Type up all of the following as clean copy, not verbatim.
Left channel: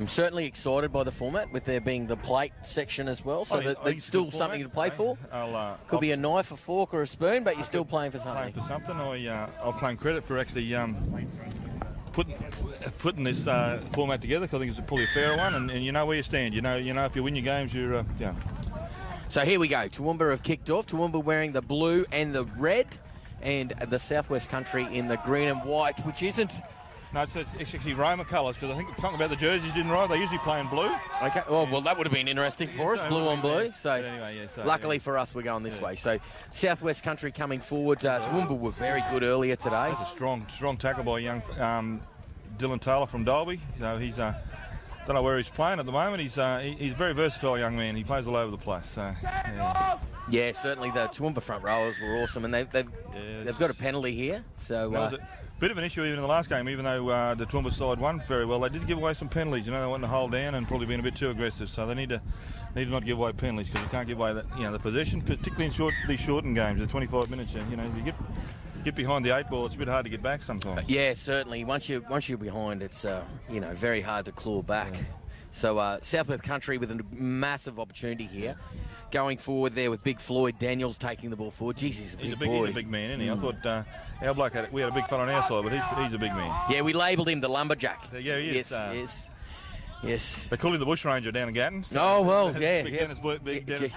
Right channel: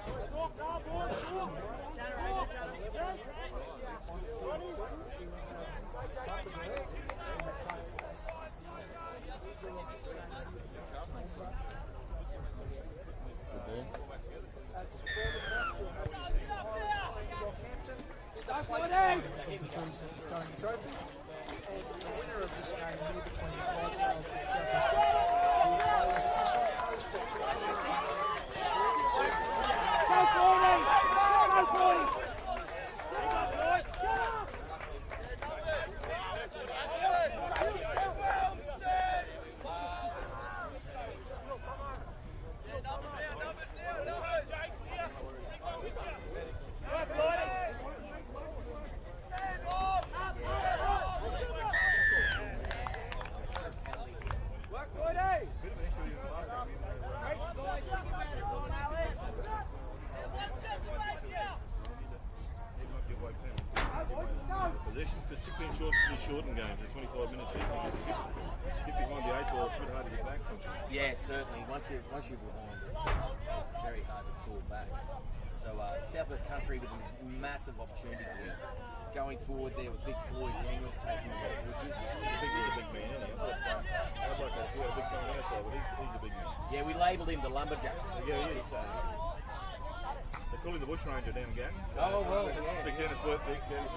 I'm certainly excited by the format, with there being the plate section as well, so there's still something to play for. Could be a knife, a fork or a spoon, but you're still playing for something. I'll claim credit for actually putting this format together, because I think it's probably a fair one, and you know where you stand. You know if you win your games, you're So here we go. Toowoomba have kicked off. Toowoomba wearing the blue and the red, and the Southwest Country in the green and white, which isn't... No, it's actually Roma colours, because I think something about the jerseys didn't right. They usually play in blue. Okay, well that would have been interesting for us, blue on blue. So luckily for us, we're going this way. So Southwest Country coming forward. Toowoomba were very good earlier today. It's a strong tackle by young Dylan Taylor from Derby. He's don't know where he's playing at the moment. He's a very versatile young man. He plays all over the place. So, yeah, certainly the Toowoomba front rowers were awesome, and they've got a penalty here. So that was a bit of an issue even in the last game, even though the Toowoomba side won very well. They did give away some penalties. They wanted to hold down and probably been a bit too aggressive. So they need to not give away penalties, because you can't give away the possession, particularly in these shortened games. The 25 minutes. You get behind the 8 ball, it's a bit hard to get back sometimes. Yeah, certainly. Once you're behind, it's very hard to claw back. So Southwest Country with a massive opportunity here. Going forward there with Big Floyd Daniels taking the ball forward. Jeez, he's a big boy. He's a big man, isn't he? I thought our bloke we had a big fella on our side, but he's a big man. Yeah, we labelled him the lumberjack. Yeah, he is. Yes. They call him the bushranger down in Gatton. So oh, well, yeah. Big Dennis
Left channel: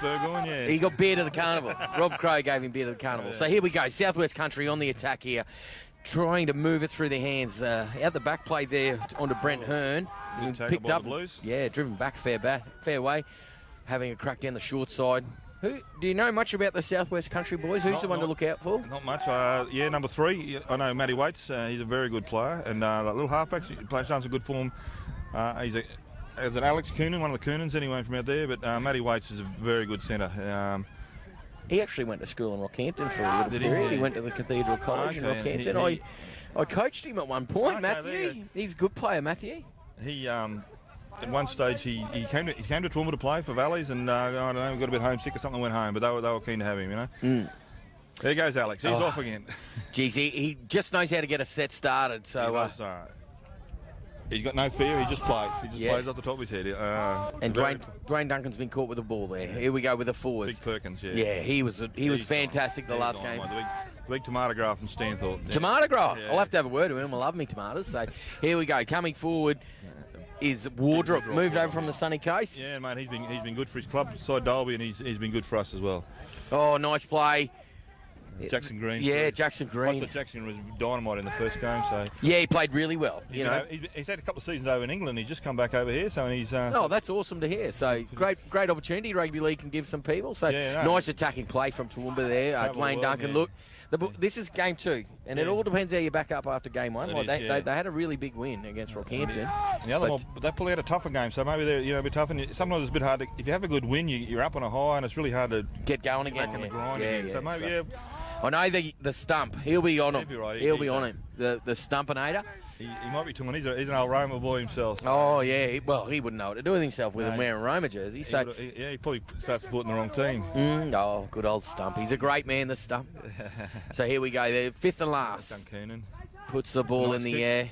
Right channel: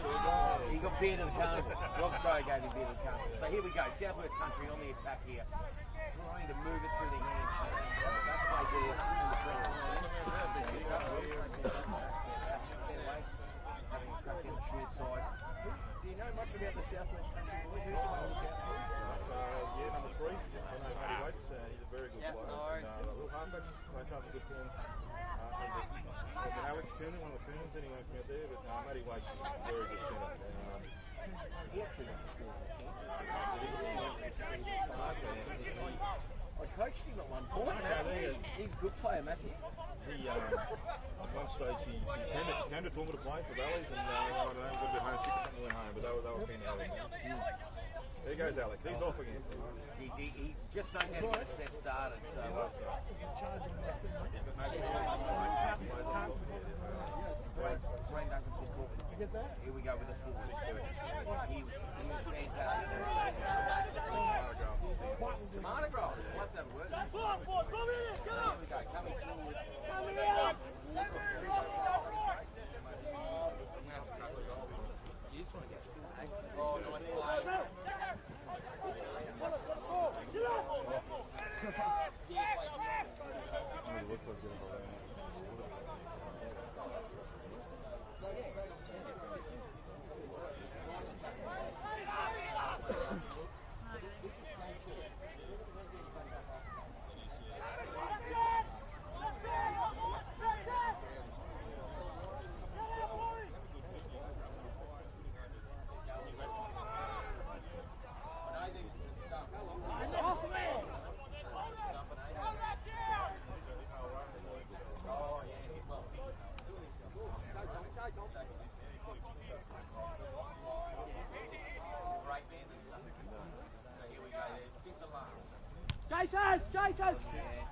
Burgoyne, yeah. He got beer to the carnival. Rob Crow gave him beer to the carnival. So here we go. Southwest Country on the attack here, trying to move it through their hands. Out the back play there onto Brent Hearne. Picked up. Yeah, driven back fair way. Having a crack down the short side. Do you know much about the Southwest Country boys? Who's the one to look out for? Not much. Number 3. I know Matty Waits. He's a very good player. And that little halfback, he plays some good form. He's an Alex Coonan, one of the Coonans anyway from out there. But Matty Waits is a very good centre. He actually went to school in Rockhampton for a little period. He went to the Cathedral College in Rockhampton. I coached him at one point, Matthew. He's a good player, Matthew. He at one stage he came to Toowoomba to play for Valleys, and I don't know, got a bit homesick or something, went home, but they were keen to have him, There goes Alex. He's off again. Geez, he just knows how to get a set started. So he's got no fear. He just plays. He just plays off the top of his head. And Dwayne Duncan's been caught with the ball there. Here we go with the forwards. Big Perkins, yeah. He was fantastic the last game. Big Tomatograph from Stanthorpe. Tomatograph. I'll have to have a word with him. I love me tomatoes. So here we go. Coming forward is Wardop, moved over from the sunny coast. Yeah, mate. He's been good for his club side Derby, and he's been good for us as well. Oh, nice play. Jackson Green. Yeah, Jackson Green. I thought Jackson was dynamite in the first game. So yeah, he played really well. He's had a couple of seasons over in England. He's just come back over here, so he's. Oh, that's awesome to hear. So great opportunity. Rugby league can give some people. So nice attacking play from Toowoomba there. Dwayne Duncan. Look, this is game 2, and it all depends how you back up after game 1. They had a really big win against Rockhampton. And the other one, they probably had a tougher game, so maybe they're a bit tough. And sometimes it's a bit hard to, if you have a good win, you're up on a high, and it's really hard to get going again. Back in the grind again. So maybe I know the stump. He'll be on him. He'll be on him. The Stumpinator. He might be too much. He's an old Roma boy himself. So. Oh yeah. He wouldn't know what to do with himself with him wearing a Roma jersey. So he probably starts supporting the wrong team. Oh, good old Stump. He's a great man, the Stump. So here we go. The 5th and last. Puts the ball in the air.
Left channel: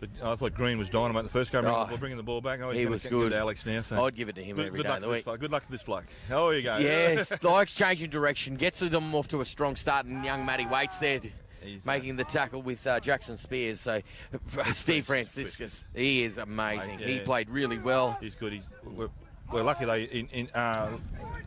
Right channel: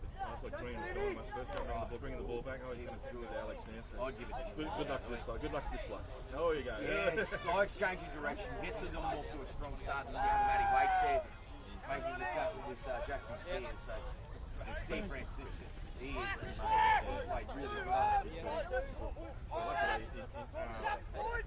But I thought Green was dynamite the first game. Bringing the ball back. He was good. Alex now. So. I'd give it to him every day of the week. Good luck with this bloke. Oh, you go. Yes, likes changing direction. Gets them off to a strong start, and young Matty Waits there making the tackle with Tyson-Spears. So Steve Franciscus, he is amazing. He played really well. He's good. We're lucky they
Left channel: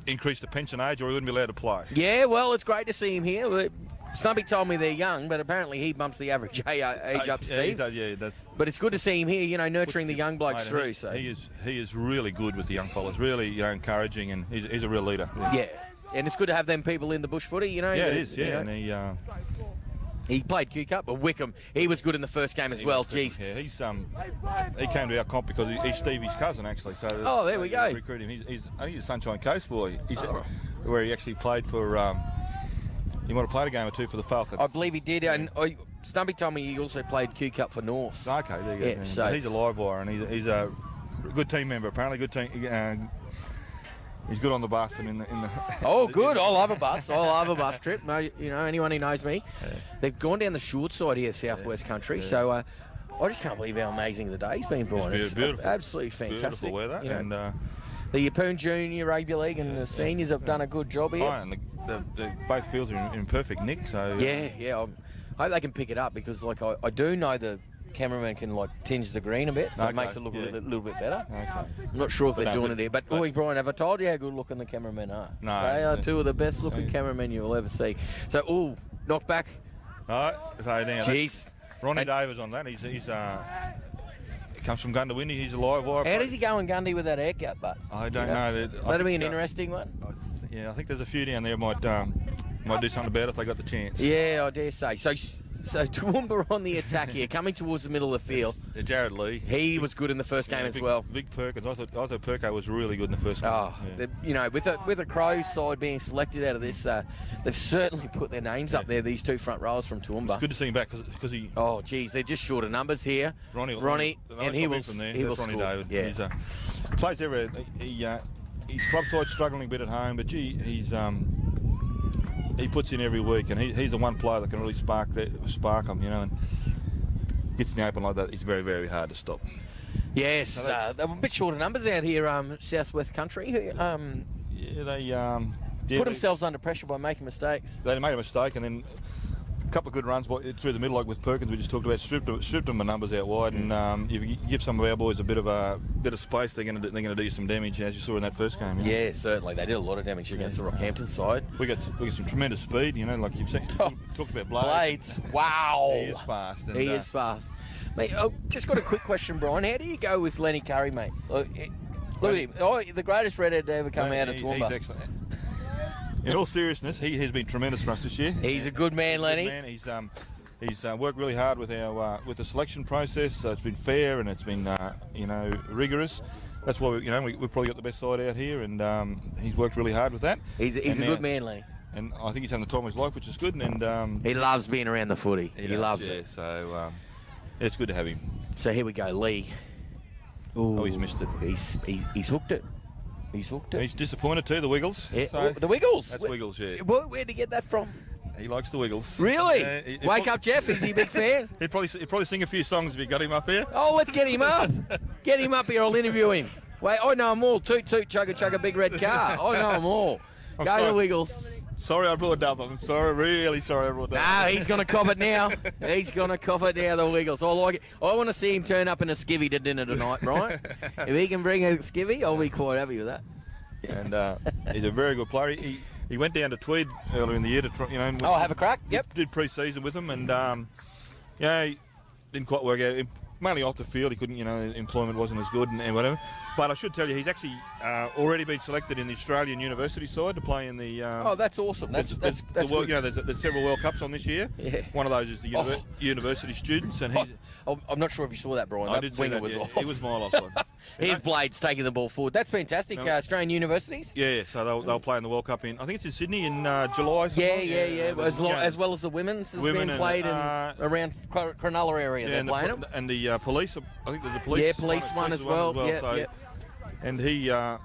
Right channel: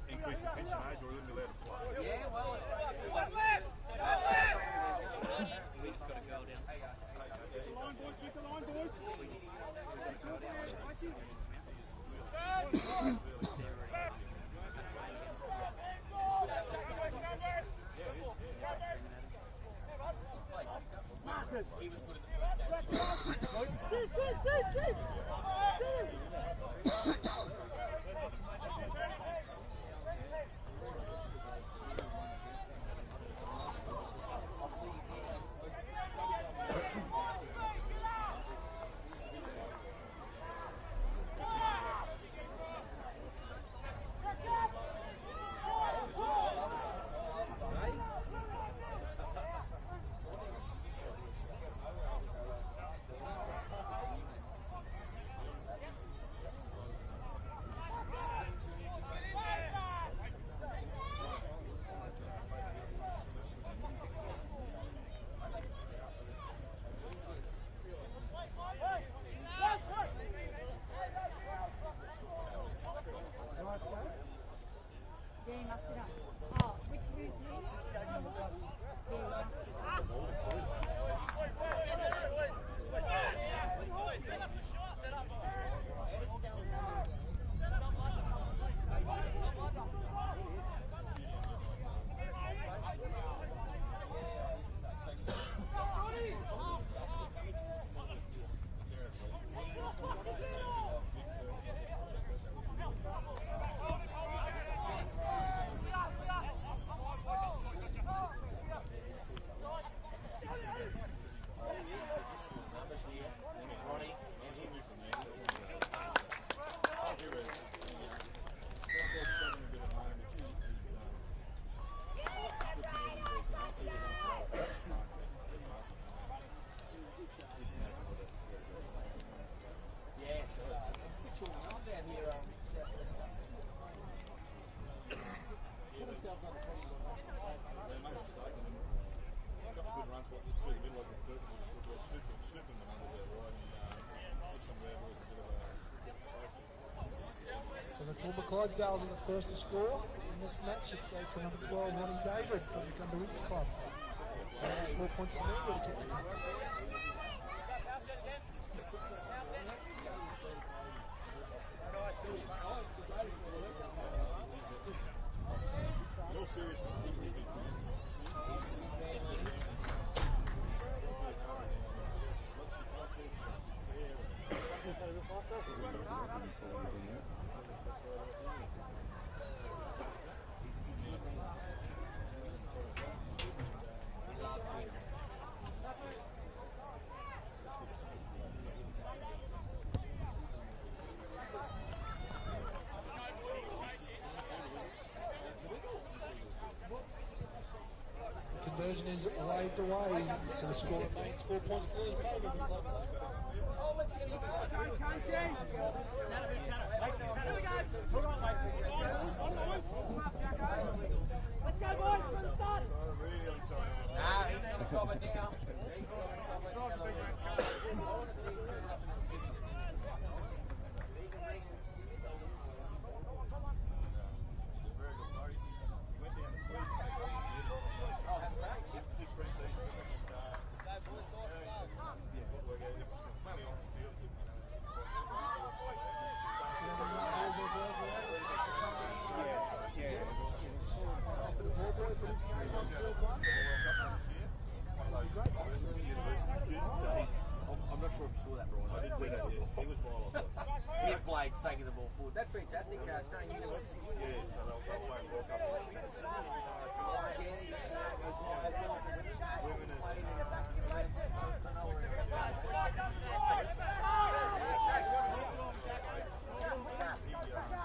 increased the pension age, or he wouldn't be allowed to play. Yeah, well, it's great to see him here. Stumpy told me they're young, but apparently he bumps the average age up, Steve. He does. But it's good to see him here, nurturing the young blokes through. So he is really good with the young fellas, really encouraging, and he's a real leader. Yeah, and it's good to have them people in the bush footy, Yeah, it is. Yeah, and he played Q-Cup, but Wickham, he was good in the first game as well. Jeez. Yeah, he came to our comp because he's Stevie's cousin, actually. So there we go. Recruited him. I think he's a Sunshine Coast boy. Where he actually played for. He might have played a game or two for the Falcons. I believe he did, and Stumpy told me he also played Q-Cup for North. Okay, there you go. Yeah, so he's a live wire, and he's a good team member. Apparently, good team. He's good on the bus and in the. Oh, good! I love a bus. I love a bus trip. Anyone who knows me, they've gone down the short side here, Southwest Country. So I just can't believe how amazing the day's been, Brian. It's beautiful. Absolutely fantastic. Beautiful weather. You know, And the Yeppoon Junior Rugby League and the seniors have done a good job here. and both fields are in perfect nick. So Yeah. I hope they can pick it up because, like, I do know the cameraman can like tinge the green a bit, so it makes it look a little bit better. Okay. I'm not sure if they're doing it here, but boy, Brian, have I told you how good looking the cameramen are? No. They are two of the best looking cameramen you'll ever see. So, knock back. All right. So now Jeez. Ronnie Davies on that. He comes from Gundawindi. He's a live wire. How does he go in Gundy with that haircut, but? I don't know. That'll be an interesting one. Yeah, I think there's a few down there might do something about it if they got the chance. Yeah, I dare say. So Toowoomba on the attack here, coming towards the middle of the field. Jarrod Lee. He was good in the first game as well. Big Perkins. I thought Perko was really good in the first game. Oh, you know, with the Crows side being selected out of this, they've certainly put their names up there. These two front rows from Toowoomba. It's good to see him back because he. Oh, geez, they're just short of numbers here. Ronnie, and he will score. David. Yeah. He plays everywhere. His club side's struggling a bit at home, but he puts in every week, and he's the one player that can really spark them, you know. And gets in the open like that, it's very, very hard to stop. Yes, they're a bit short of numbers out here, Southwest Country. Put themselves under pressure by making mistakes. They made a mistake, and then a couple of good runs through the middle, like with Perkins, we just talked about, stripped them the numbers out wide, and if you give some of our boys a bit of space, they're going to do you some damage, as you saw in that first game. Yeah, certainly they did a lot of damage against the Rockhampton side. We got some tremendous speed, you know, like you've said. Talked about Blades. Wow, he is fast. He is fast. Mate, just got a quick question, Brian. How do you go with Lenny Curry, mate? Look at him. The greatest redhead to ever come out of Toowoomba. He's excellent. In all seriousness, he has been tremendous for us this year. He's a good man, Lenny. He's worked really hard with with the selection process. It's been fair and it's been rigorous. That's why we've probably got the best side out here, and he's worked really hard with that. He's a good man, Lenny. And I think he's having the time of his life, which is good. And he loves being around the footy. He loves it. So it's good to have him. So here we go, Lee. Ooh, he's missed it. He's hooked it. He's hooked it. He's disappointed too, the Wiggles. Yeah. So the Wiggles? That's Wiggles, yeah. Where'd he get that from? He likes the Wiggles. Really? Wake up, Jeff. Is he a big fan? He'd probably sing a few songs if you got him up here. Oh, let's get him up. Get him up here. I'll interview him. Wait, I know them all. Toot, toot, chugga, chugga, big red car. I know them all. Go the Wiggles. Sorry I brought it up. I'm sorry, really sorry I brought that up. No, he's going to cop it now. He's going to cop it now, the Wiggles. I like it. I want to see him turn up in a skivvy to dinner tonight, right? If he can bring a skivvy, I'll be quite happy with that. And he's a very good player. He went down to Tweed earlier in the year to try, have a crack. Yep. Did pre-season with him, and he didn't quite work out. Mainly off the field, he couldn't. Employment wasn't as good and whatever. But I should tell you, he's actually already been selected in the Australian university side to play in the. Oh, that's awesome. That's good. There's several World Cups on this year. Yeah. One of those is the university students, and he's. I'm not sure if you saw that, Brian. I did see that. Was off. It was my last one. Here's Blades taking the ball forward. That's fantastic. Australian universities. Yeah. So they'll play in the World Cup I think it's in Sydney in July. Yeah. As well as the women's has been played around Cronulla area. They're playing them. And the police. I think there's a police. Yeah, police one as well. Yeah. And he. I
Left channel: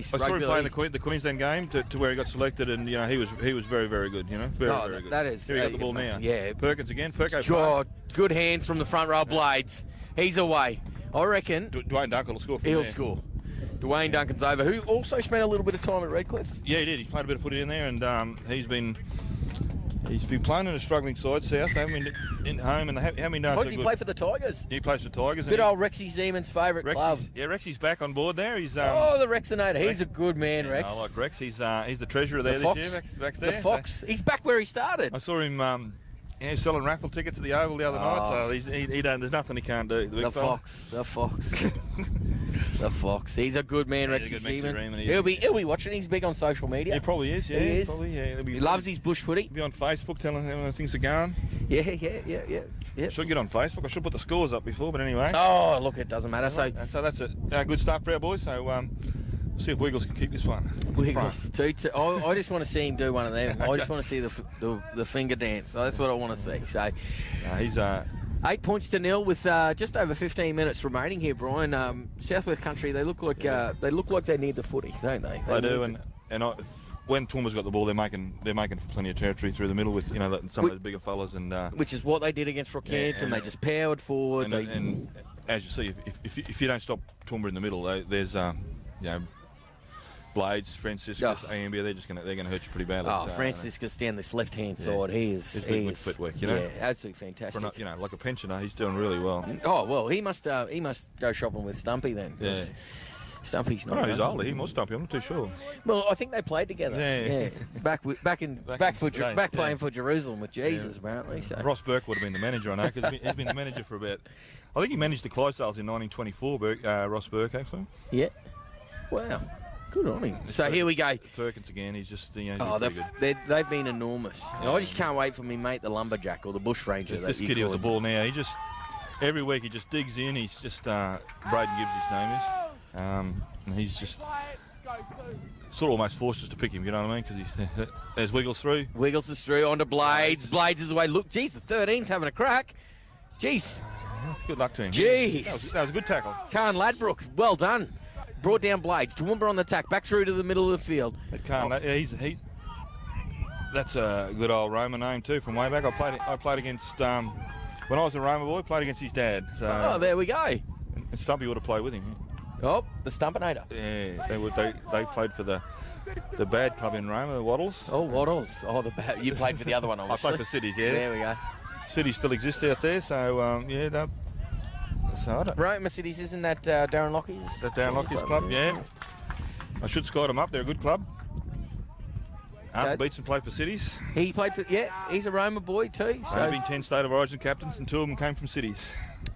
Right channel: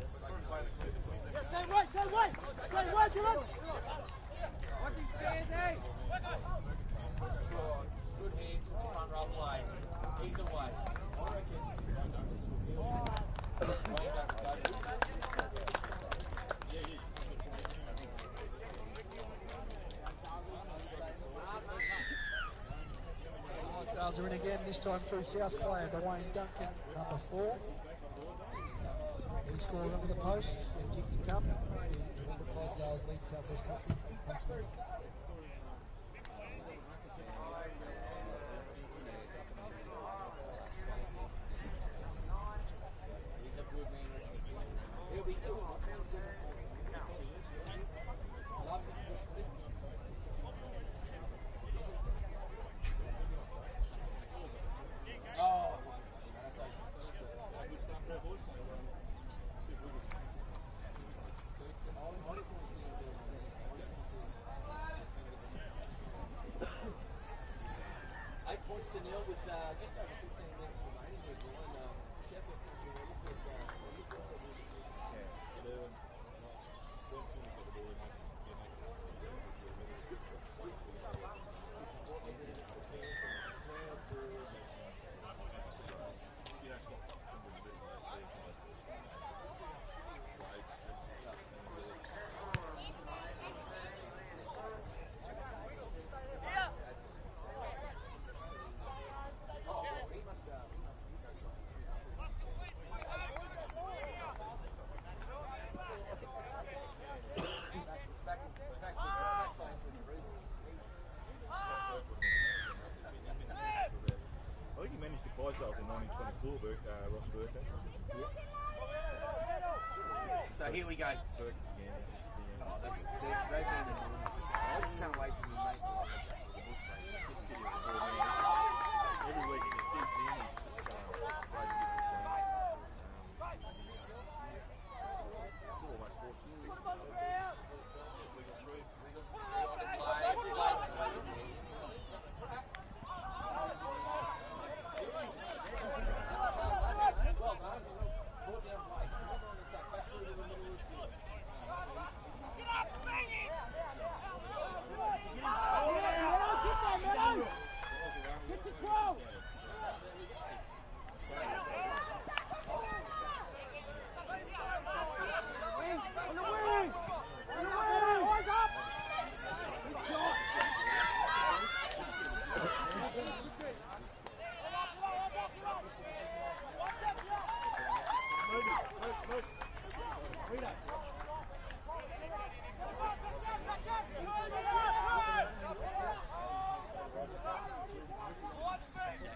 saw him playing the Queensland game to where he got selected, and he was very, very good. Very good. That is. Here he got the ball now. Yeah. Perkins again. God, good hands from the front row, Blades. He's away. I reckon. Dwayne Duncan will score. He'll score. Dwayne Duncan's over, who also spent a little bit of time at Redcliffe. Yeah, he did. He's played a bit of footy in there, and he's been playing in a struggling side, South. In home, and how many times? Why does he play for the Tigers? He plays for the Tigers. Good old Rexy Zeman's favourite club. Yeah, Rexy's back on board there. He's the Rexinator. He's a good man, Rex. I like Rex. He's the treasurer there this year. Back there. The Fox. He's back where he started. I saw him. He's selling raffle tickets at the Oval the other night, so he don't. There's nothing he can't do. The Fox. The Fox. He's a good man, Rexy Zeman. He'll be watching. He's big on social media. He probably is. Yeah, he is. Probably, yeah. He loves his bush footy. He'll be on Facebook telling him how things are going. Yeah. Should get on Facebook. I should put the scores up before, but anyway. Oh, look, it doesn't matter. So that's a good start for our boys. So see if Wiggles can keep this one. Wiggles, I just want to see him do one of them. I just want to see the finger dance. So that's what I want to see. So he's 8-0 with just over 15 minutes remaining here, Brian. Southwest Country, they look like they need the footy, don't they? They do, and when Toowoomba's got the ball, they're making plenty of territory through the middle with some of the bigger fellas, and which is what they did against Rockhampton. They just powered forward. And as you see, if you don't stop Toowoomba in the middle, there's Blades, Franciscus, Ambia, they're gonna hurt you pretty badly. Oh, Franciscus down this left-hand side, he's footwork, yeah, absolutely fantastic. Like a pensioner, he's doing really well. Oh well, he must go shopping with Stumpy then. Yeah. Stumpy's not. No, he's older. He must Stumpy. I'm not too sure. Well, I think they played together. Yeah. Back playing for Jerusalem with Jesus, apparently. So. Ross Burke would have been the manager on that because he's been the manager for about. I think he managed the Clydesdales in 1924. Ross Burke actually. Yeah. Wow. Good on him. So here we go. Perkins again. He's just they've been enormous. I just can't wait for me mate the lumberjack or the bushranger. This kid with the ball now. He just every week he just digs in. He's just Braydon Gibbs his name is. And he's just sort of almost forced us to pick him, you know what I mean? Because there's Wiggles through. Wiggles is through onto Blades. Blades is away. Look, geez, the 13's having a crack. Jeez. Good luck to him. Jeez. That was a good tackle. Khan Ladbrook, well done. Brought down Blades. Toowoomba on the attack, back through to the middle of the field. That's a good old Roma name too from way back. I played against when I was a Roma boy. Played against his dad. So, there we go. And Stumpy would have played with him. Oh, the Stumpinator. Yeah, they played for the bad club in Roma, the Waddles. Oh, Waddles. Oh, you played for the other one, obviously. I played for Cities, yeah. There we go. City still exists out there, so Roma Cities, isn't that Darren Lockie's? That Darren Lockie's club, yeah. I should squad them up. They're a good club. Arthur Beetson played for Cities. He played for, he's a Roma boy too. So. There have been 10 State of Origin captains and 2 of them came from Cities.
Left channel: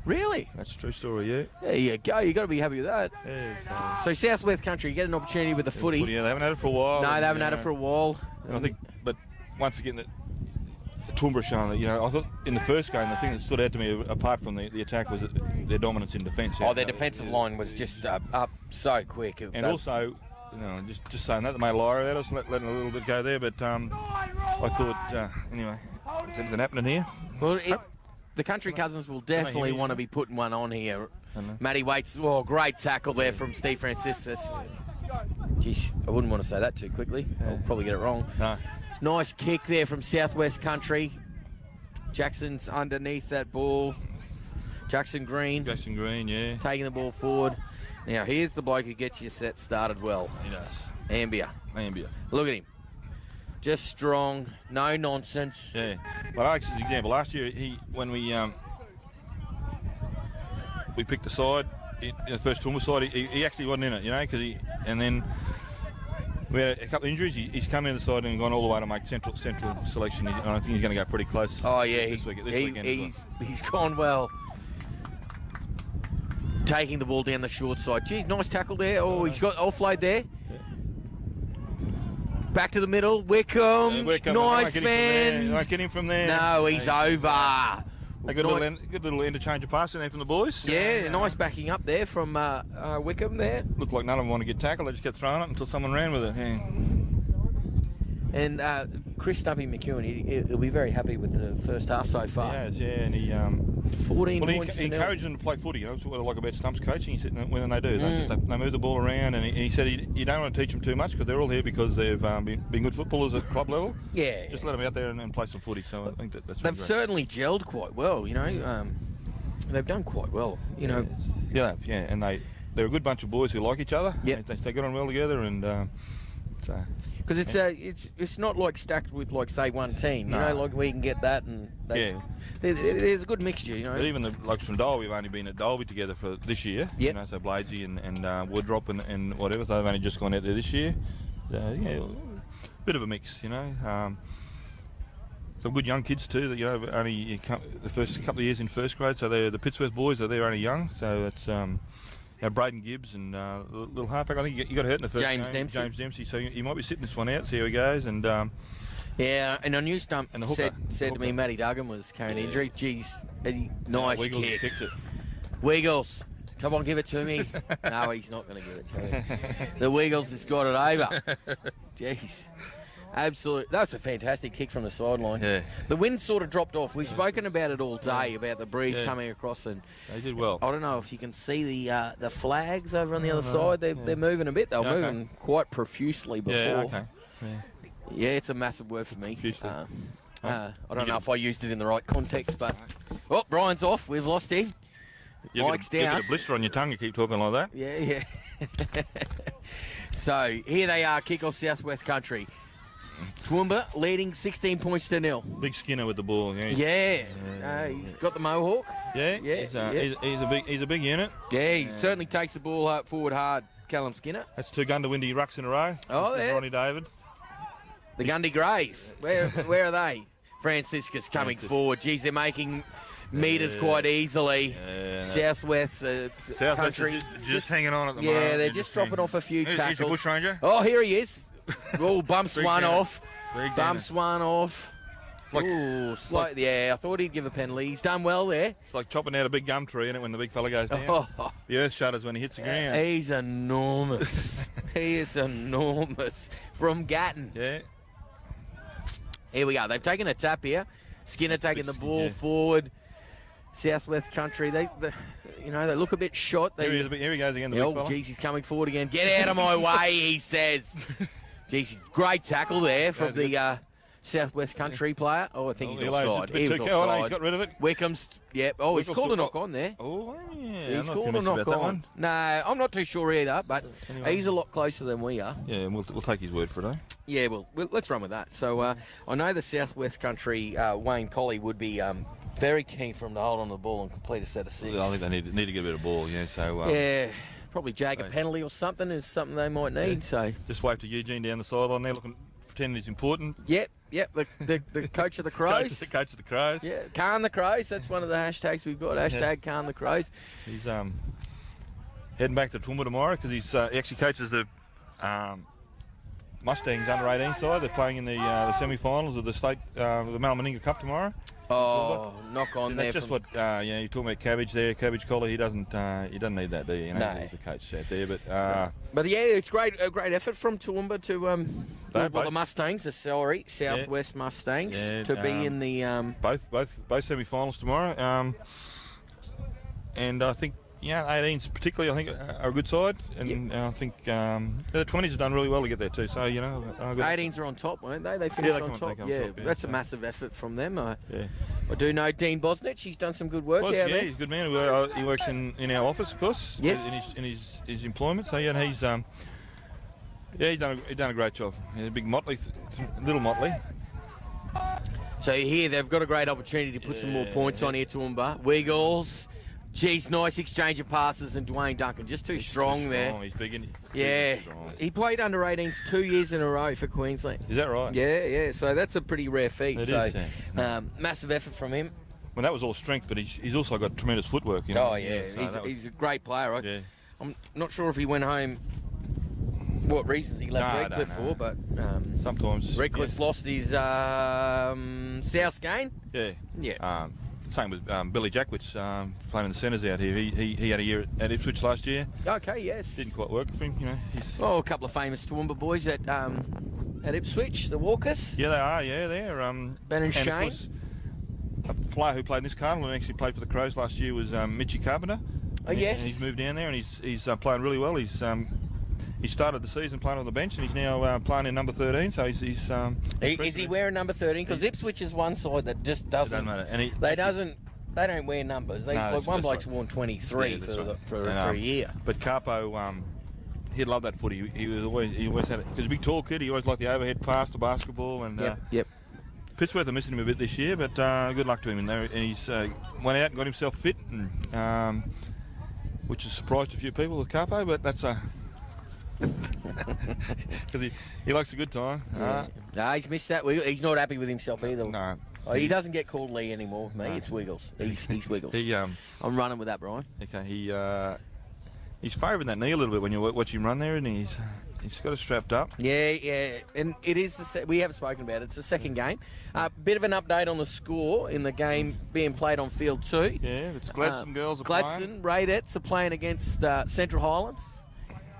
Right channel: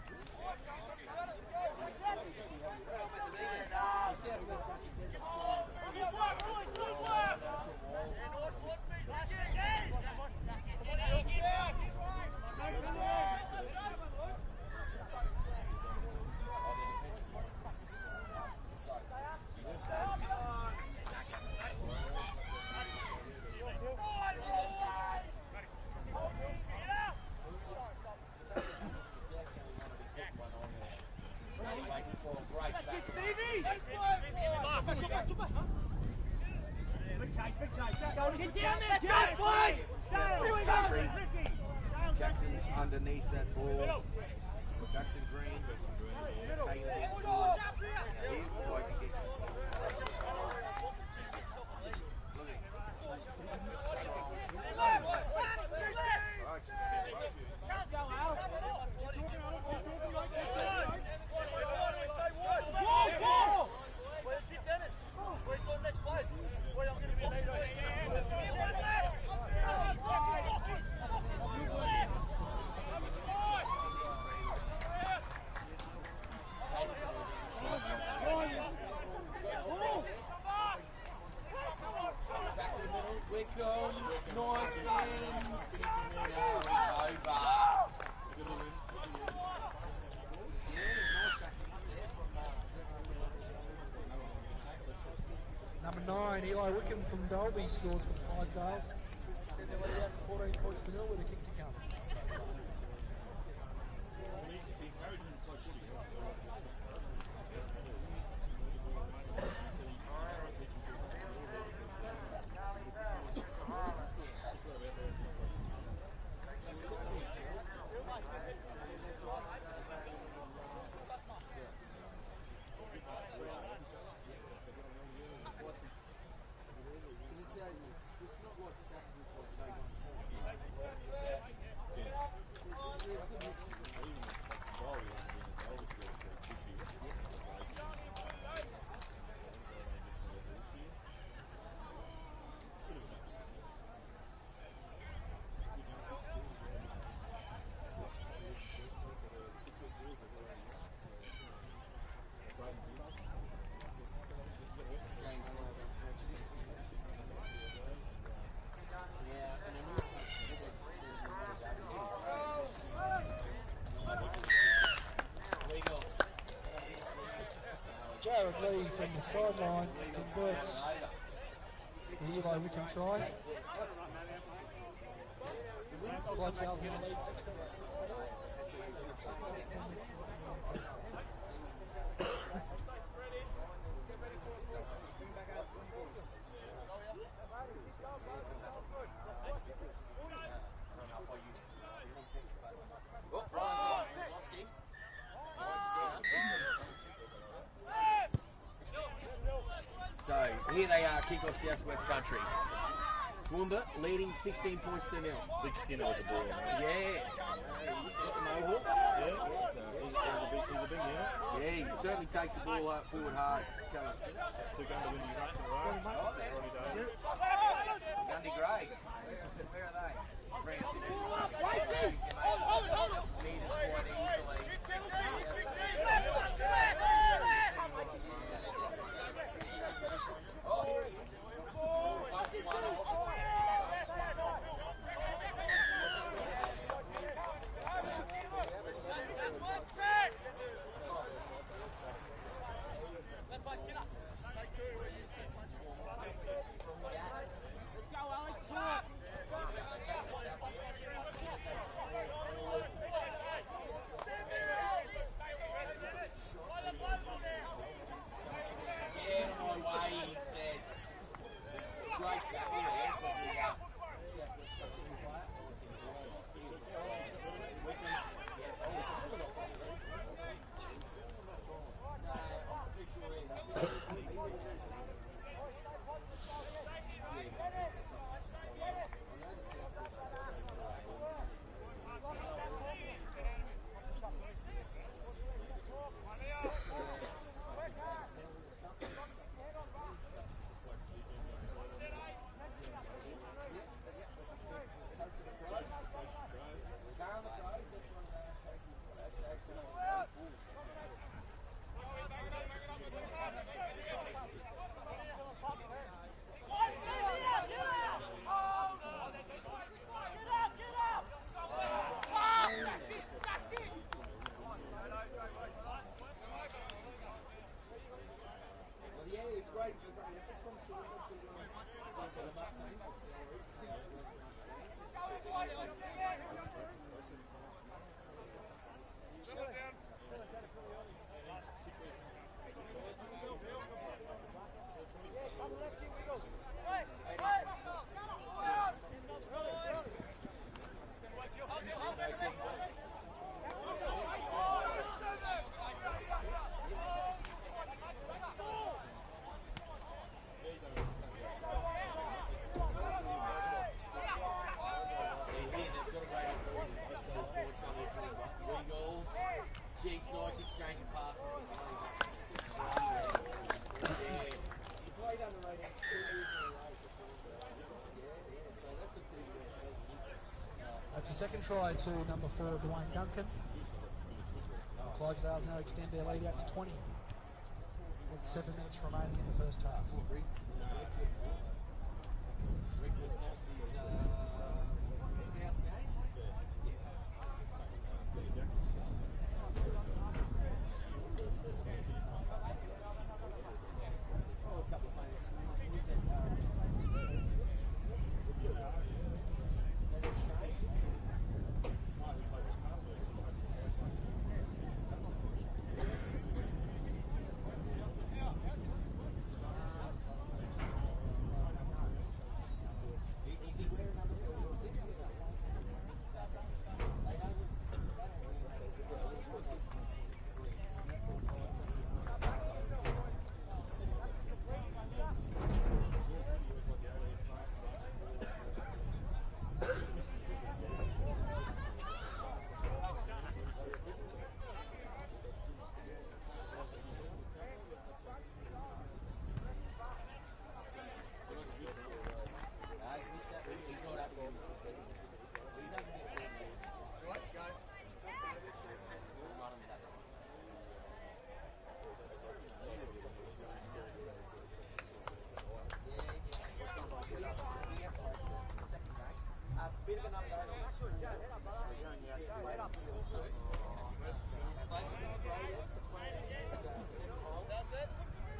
Really? That's a true story, yeah. There you go. You got to be happy with that. Yeah, so South West Country, you get an opportunity with the footy. Yeah, they haven't had it for a while. No, they haven't had it for a while. And I think, but once again, the Toowoomba showing that, I thought in the first game, the thing that stood out to me, apart from the attack, was their dominance in defence. Oh, their defensive line was just up so quick. And also, just saying that, they made a liar out of us, letting a little bit go there, but I thought, anyway, is anything happening here? Well, the Country Cousins will definitely want to be putting one on here. Matty waits. Oh, great tackle there from Steve Franciscus. Jeez, I wouldn't want to say that too quickly. I'll probably get it wrong. No. Nice kick there from Southwest Country. Jackson's underneath that ball. Jackson Green, yeah. Taking the ball forward. Now, here's the bloke who gets your set started well. Ambia. Look at him. Just strong, no nonsense. Yeah. Well, Alex, as an example, last year, when we picked the side, in the first Toowoomba side, he actually wasn't in it, and then we had a couple of injuries. He's come in the side and gone all the way to make central selection. I think he's going to go pretty close. Oh, yeah. He's gone well. Taking the ball down the short side. Geez, nice tackle there. Oh, he's got offload there. Back to the middle. Wickham. Nice fan. Not getting from there. No, he's over. A good little interchange of passing there from the boys. Yeah, nice backing up there from Wickham there. Looked like none of them want to get tackled. They just kept throwing it until someone ran with it. Yeah. And Chris Stumpy McEwen, he'll be very happy with the first half so far. Yeah, and he 14 points. He encouraged them to play footy. That's what I like about Stump's coaching. He said when they do, they move the ball around, and he said you don't want to teach them too much because they're all here because they've been good footballers at club level. Yeah. Just let them out there and play some footy. So I think that's. They've certainly gelled quite well. They've done quite well. Yeah, and they're a good bunch of boys who like each other. Yeah. They get on well together, and so. Because it's not like stacked with say one team, like we can get that and there's a good mixture, But even the blokes from Dole, we've only been at Dolby together for this year. Yep. So Bladesy and Wardop and whatever, so they've only just gone out there this year. Bit of a mix, Some good young kids too. That only the first couple of years in first grade, so they're the Pittsworth boys. So they're only young, so it's. Braydon Gibbs and little halfback. I think he got hurt in the first game. James Dempsey. So he might be sitting this one out, see how he goes. And and on your stump said to me, Matty Duggan was carrying injury. Jeez, nice Wiggles kick. kicked it. Wiggles, come on, give it to me. No, he's not going to give it to me. The Wiggles has got it over. Jeez, absolutely. That's a fantastic kick from the sideline. Yeah. The wind sort of dropped off. We've spoken about it all day, about the breeze coming across, and they did well. I don't know if you can see the flags over on the other side. They're moving a bit. They were moving quite profusely before. Yeah, okay. Yeah, it's a massive word for me. I don't know if I used it in the right context, but... Oh, Brian's off. We've lost him. Mike's down. You get a blister on your tongue, you keep talking like that. Yeah. So, here they are, kick-off Southwest Country. Toowoomba leading 16 points to 0. Big Skinner with the ball. Yeah. He's got the mohawk. He's a big unit. Yeah, he certainly takes the ball forward hard, Callum Skinner. That's 2 Gundawindi rucks in a row. Oh, yeah. Ronnie David. The Gundy Greys, where are they? Franciscus coming forward. Geez, they're making metres quite easily. Southwest Country. Just hanging on at the moment. Yeah, they're just dropping off a few tackles. Here's your bush ranger. Oh, here he is. Oh, bumps one off. Bumps one off. I thought he'd give a penalty. He's done well there. It's like chopping out a big gum tree, isn't it, when the big fella goes down? The earth shudders when he hits the ground. He's enormous. He is enormous. From Gatton. Yeah. Here we go. They've taken a tap here. Skinner taking the ball forward. Southwest Country, they look a bit shot. Here he goes again, the big fella. Geez, he's coming forward again. Get out of my way, he says. Geez, great tackle there from the Southwest Country player. Oh, I think he's offside. He was offside. He's got rid of it. Wickham's, he's called a knock on there. Oh, yeah. He's called a knock on. No, I'm not too sure either, but he's a lot closer than we are. Yeah, we'll take his word for it, eh? Yeah, well, let's run with that. So I know the Southwest Country, Wayne Colley would be very keen for him to hold on to the ball and complete a set of 6. I think they need to get a bit of ball, probably jag a penalty or something is something they might need. So just wave to Eugene down the sideline there, pretending he's important. Yep. The coach of the Crows. The coach of the Crows. Yeah, Hearne the Crows. That's one of the hashtags we've got. Hashtag Hearne the Crows. He's heading back to Toowoomba tomorrow because he actually coaches the Mustangs under 18 side. They're playing in the semi-finals of the state, the Malmaninga Cup tomorrow. Oh, knock on there. That's just what you're talking about. Cabbage there, Cabbage Collar. He doesn't need that, do you? No. He's a coach out there, but yeah, it's a great effort from Toowoomba to the Mustangs. Southwest Mustangs to be in the both semi-finals tomorrow. And I think 18s particularly, I think, are a good side, and I think the 20s have done really well to get there too. So 18s are on top, weren't they? They finished on top. That's a massive effort from them. I do know Dean Bosnich. He's done some good work. He's a good man. He works in our office, of course. Yes. In his employment. So he's done a great job. A big Motley, little Motley. So here they've got a great opportunity to put some more points on here, Toowoomba. Wiggles. Geez, nice exchange of passes, and Dwayne Duncan just too strong there. He's big, isn't he? Yeah. He played under 18s 2 years in a row for Queensland. Is that right? Yeah. So that's a pretty rare feat. It is. Massive effort from him. Well, that was all strength, but he's also got tremendous footwork. Oh, yeah. He's a great player. Right? Yeah. I'm not sure if he went home, what reasons he left Redcliffe for, but sometimes Redcliffe's lost his South game. Yeah. Same with Billy Jackwitz playing in the centres out here. He had a year at Ipswich last year. Okay, yes. Didn't quite work for him, a couple of famous Toowoomba boys at Ipswich, the Walkers. Yeah, they are. Yeah, they're Ben and Shane. Course, a player who played in this carnival and actually played for the Crows last year was Mitchie Carpenter. Oh, yes. He's moved down there and he's playing really well. He started the season playing on the bench and he's now playing in number 13. So he's is he wearing number 13? Because Ipswich is one side that just doesn't. It doesn't matter. They don't wear numbers. One bloke's worn 23 for a year. But Carpo, he loved that footy. He always had it. He was a big tall kid. He always liked the overhead pass to basketball. And yep. Pittsworth are missing him a bit this year, but good luck to him. And he's went out and got himself fit, and, which has surprised a few people with Carpo. But that's because he likes a good time. No, he's missed that. He's not happy with himself either. No. He doesn't get called Lee anymore. Me, it's Wiggles. He's Wiggles. I'm running with that, Brian. Okay, he's favouring that knee a little bit when you watch him run there, and he's got it strapped up. Yeah, and it is we have spoken about it. It's the second game. Bit of an update on the score in the game being played on field 2. Yeah, it's Gladstone girls are Gladstone Radettes are playing against Central Highlands.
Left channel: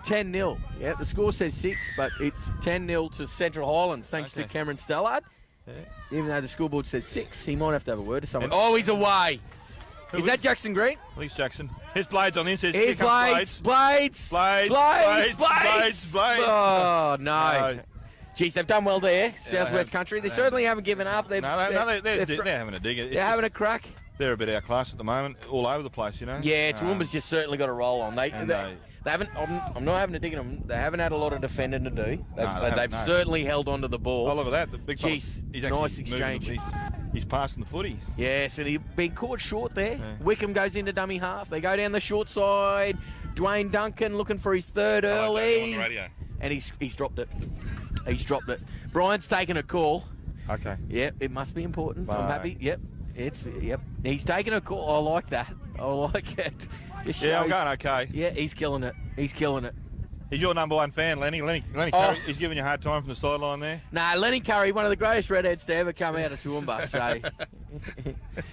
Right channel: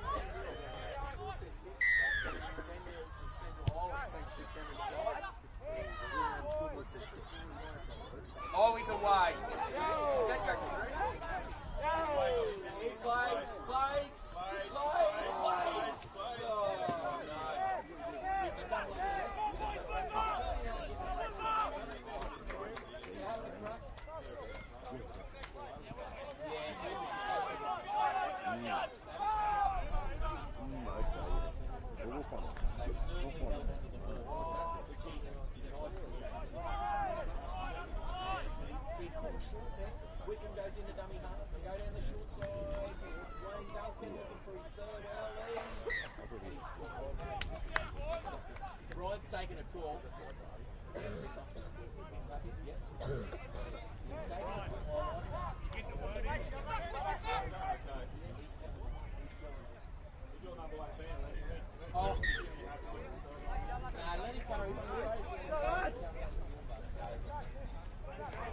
10-0. Yeah, the score says 6, but it's 10-0 to Central Highlands thanks to Cameron Stellard. Yeah. Even though the scoreboard says 6, he might have to have a word to someone. Oh, he's away. Is that Jackson Green? Lee's Jackson. His Blades on the inside. His Blades. Blades. Oh, no. Geez, they've done well there, Southwest Country. They certainly haven't given up. They're having a dig. They're having a crack. They're a bit outclassed at the moment, all over the place, you know. Yeah, Toowoomba's just certainly got a roll on. They haven't. I'm not having a dig at them. They haven't had a lot of defending to do. They've certainly held on to the ball. Oh, look at that. The big Jeez, nice exchange. He's passing the footy. Yes, and he's been caught short there. Yeah. Wickham goes into dummy half. They go down the short side. Dwayne Duncan looking for his third early. And he's dropped it. He's dropped it. Brian's taken a call. Okay. Yep, it must be important. I'm happy. Yep. He's taking a call. I like that. I like it. Yeah, I'm going okay. Yeah, he's killing it. He's killing it. He's your number one fan, Lenny. Lenny Curry, he's giving you a hard time from the sideline there. Nah, Lenny Curry, one of the greatest redheads to ever come out of Toowoomba. So I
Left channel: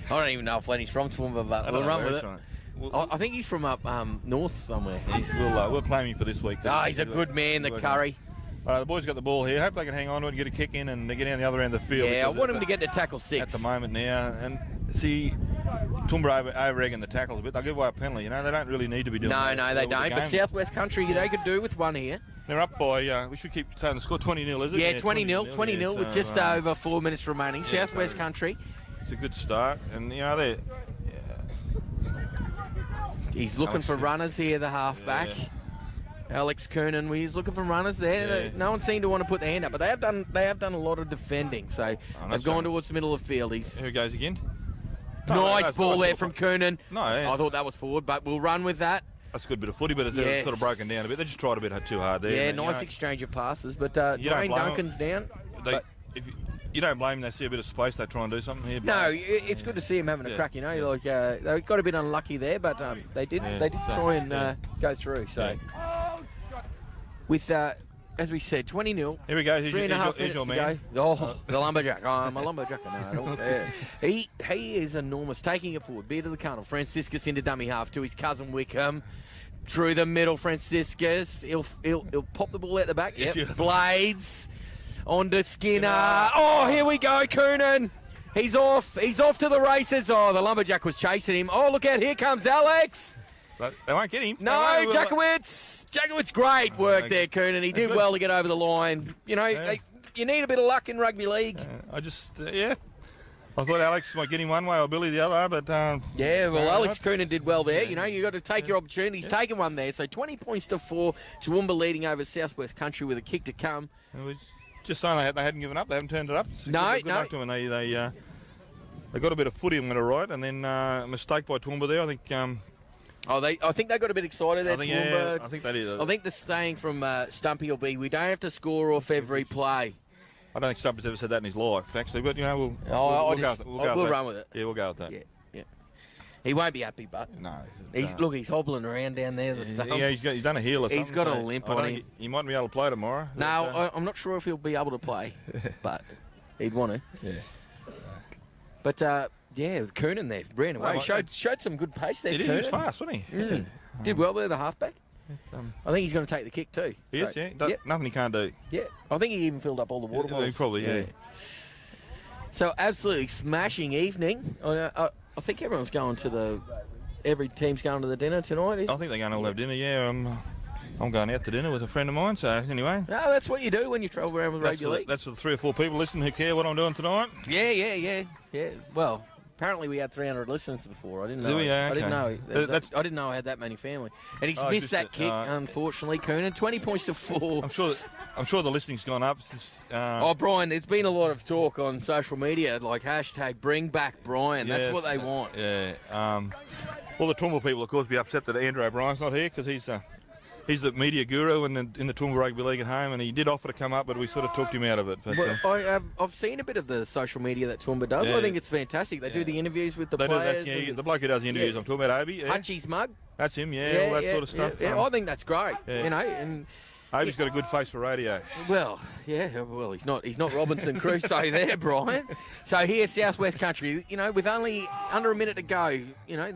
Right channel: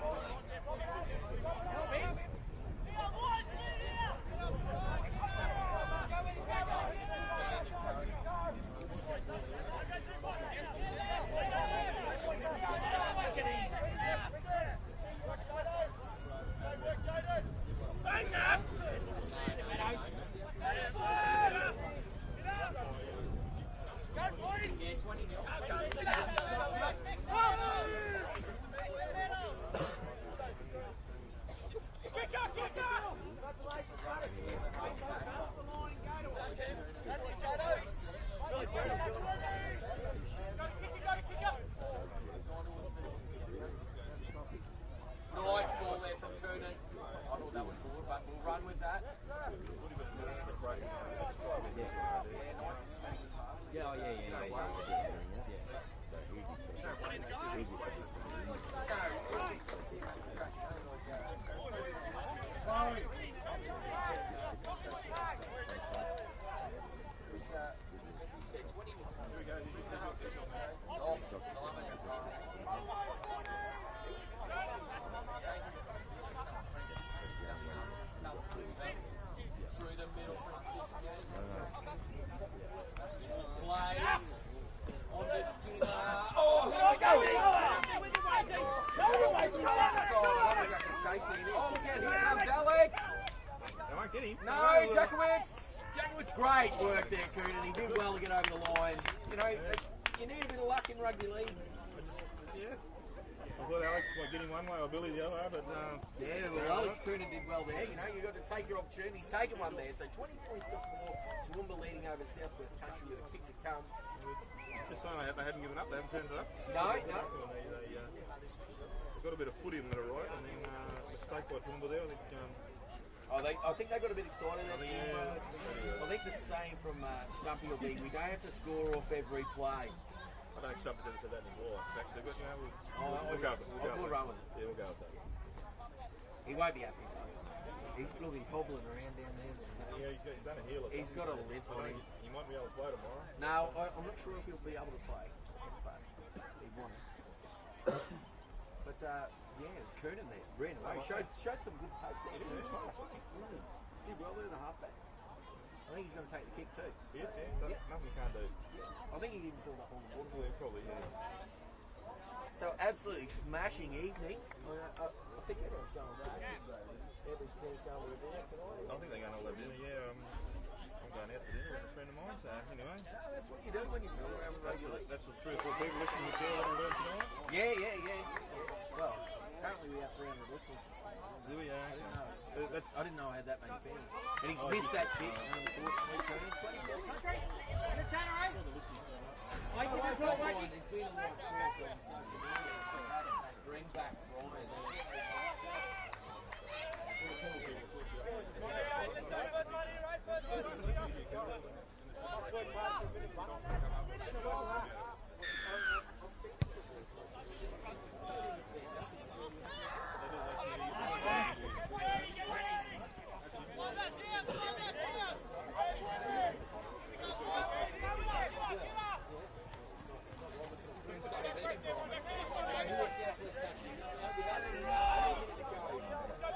don't even know if Lenny's from Toowoomba, but we'll run with it. I think he's from up north somewhere. We'll claim him for this week. He's a good man, the Curry. The boys got the ball here. Hope they can hang on to it and get a kick in and they get down the other end of the field. Yeah, I want him to get to tackle 6. At the moment now. And see, Toowoomba over-egging the tackles a bit. They'll give away a penalty. You know, they don't really need to be doing that. No, they don't. But Southwest Country, they could do with one here. They're up by, we should keep saying the score 20-0, is it? Yeah, 20-0 with just over 4 minutes remaining. Southwest Country. It's a good start. And, you know, they're... He's looking for runners here, the halfback. Yeah. Alex Kernan, he's looking for runners there. Yeah. No one seemed to want to put their hand up, but they have done a lot of defending. So they've gone towards the middle of the field. Here he goes again. Nice ball there from Kernan. No, yeah. I thought that was forward, but we'll run with that. That's a good bit of footy, but it's sort of broken down a bit. They just tried a bit too hard there. Yeah, nice exchange of passes, but Dwayne Duncan's down. If you don't blame them, they see a bit of space, they try and do something here. No, it's good to see him having a crack, you know. Like they got a bit unlucky there, but they did try and go through. So with as we said, 20-0. Here we go. Here's 3.5 minutes to go. Oh, the lumberjack. Oh, I'm a lumberjack. No, he is enormous. Taking it forward. Beer to the Colonel. Franciscus into dummy half to his cousin Wickham. Through the middle, Franciscus. He'll pop the ball out the back. Yep. Blades. On to Skinner. Oh, here we go, Kernan. He's off. He's off to the races. Oh, the lumberjack was chasing him. Oh, look out. Here comes Alex. But they won't get him. No, Jackwitz. Jackwitz, great work there, Kernan. He did well to get over the line. You know, you need a bit of luck in rugby league. I thought Alex might get him one way or Billy the other, but... Alex Kernan did well there. You know, you got to take your opportunity. He's taken one there. So 20 points to 4. Toowoomba leading over Southwest Country with a kick to come. Just saying they hadn't given up. They haven't turned it up. No. They got a bit of footy, I'm going to write, and then a mistake by Toowoomba there. I think... I think they got a bit excited there, Toowoomba. I think they did. I think the saying from Stumpy will be, we don't have to score off every play. I don't think Stumpy's ever said that in his life, actually, but, you know, we'll run with it. Yeah, we'll go with that. Yeah. He won't be happy, but... No. He's hobbling around down there, the stump. Yeah, he's done a heel or something. He's got a limp on him. He might be able to play tomorrow. No, I'm not sure if he'll be able to play, but he'd want to. Yeah. But... Kernan there ran away. Showed some good pace there. He was fast, wasn't he? Did well there, the halfback. I think he's going to take the kick too. He is, nothing he can't do. Yeah, I think he even filled up all the water bottles. Probably. So absolutely smashing evening. I think everyone's going to every team's going to the dinner tonight. I think they're going to all have dinner. Yeah, I'm going out to dinner with a friend of mine. So anyway. No, that's what you do when you travel around with rugby league. That's the 3 or 4 people listening who care what I'm doing tonight. Yeah. Well. Apparently we had 300 listeners before. I didn't know. I didn't know I had that many family. And he's missed that kick, unfortunately. Kernan, 20 points to 4. I'm sure the listening's gone up. Brian, there's been a lot of talk on social media, like #bring back Brian. That's what they want. Yeah. Well, the Toowoomba people, of course, be upset that Andrew O'Brien's not here because he's the media guru in the Toowoomba Rugby League at home, and he did offer to come up, but we sort of talked him out of it. But, I've seen a bit of the social media that Toowoomba does. I think it's fantastic. They do the interviews with the players. The bloke who does the interviews, I'm talking about Obi. Hutchie's mug. That's him, all that sort of stuff. Yeah, I think that's great. You know, and Obi's got a good face for radio. Well, he's not Robinson Crusoe there, Brian. So here, Southwest Country, you know, with only under a minute to go, you know,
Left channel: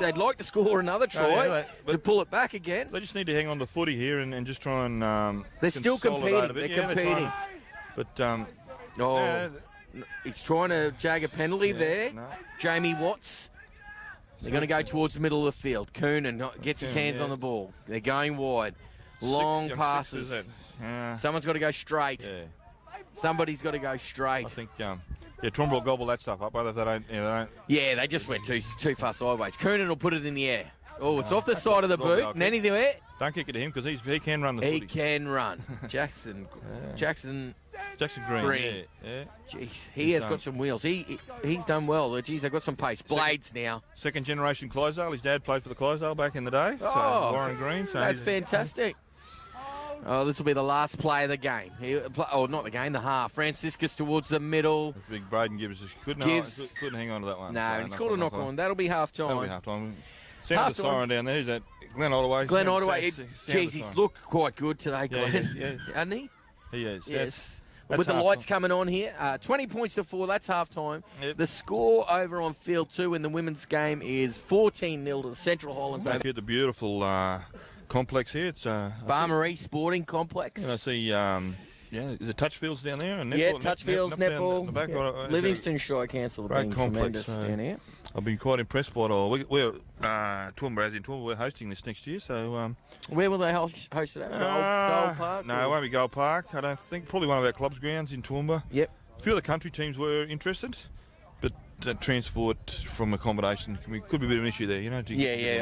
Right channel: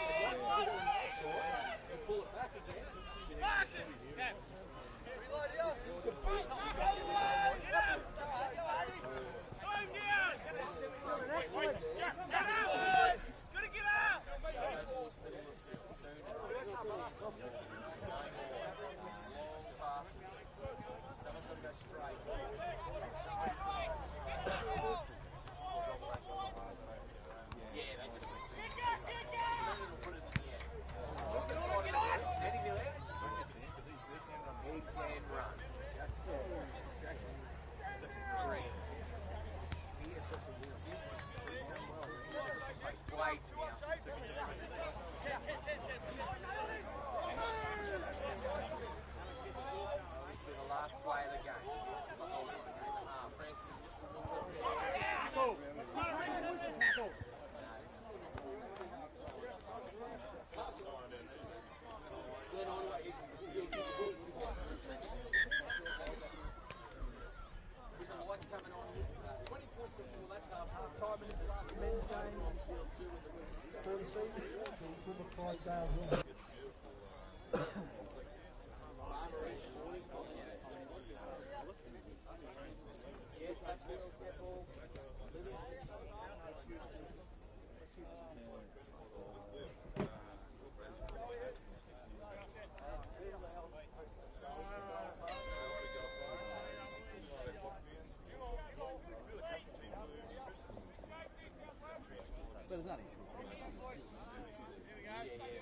they'd like to score another try to pull it back again. They just need to hang on to footy here and just try and... they're still competing. They're competing. He's trying to jag a penalty there. No. Jamie Watts. They're going to go towards the middle of the field. Kernan gets his hands on the ball. They're going wide. Long passes. Someone's got to go straight. Somebody's got to go straight. I think, Toowoomba will gobble that stuff up, but if they don't, they don't. Yeah, they just went too far sideways. Coonan will put it in the air. Oh, it's off the side of the boot. And anything there? Don't kick it to him because he can run the He footy. can run. Jackson Green. Yeah. Jeez, he has got some wheels. He's done well. Jeez, they've got some pace. Blades now. Second generation Clydesdale. His dad played for the Clydesdale back in the day. Oh, Warren Green. So that's fantastic. Oh, this will be the last play of the game. Not the game, the half. Franciscus towards the middle. Big Braydon Gibbs couldn't hang on to that one. No, he's called a knock on. That'll be half time. That'll be half time. Sound the siren down there. Who's that? Glenn Ottaway. Glenn Ottaway. Jeez, he's looked quite good today, Glenn. Yeah. Hasn't he? He is. Yes. With the lights coming on here, 20 points to 4, that's half time. Yep. The score over on field 2 in the women's game is 14-0 to the Central Highlands. Here at the beautiful complex here. It's Barmaryee Sporting Complex. And I see, the touch fields down there. And netball, yeah, touch fields, netball. Livingston Shire Council have been tremendous down here. I've been quite impressed by it all. We're Toowoomba, we're hosting this next year, so... where will they host it at? Gold Park? No, it won't be Gold Park. I don't think. Probably one of our club's grounds in Toowoomba. Yep. A few of the country teams were interested, but transport from accommodation could be a bit of an issue there, you know.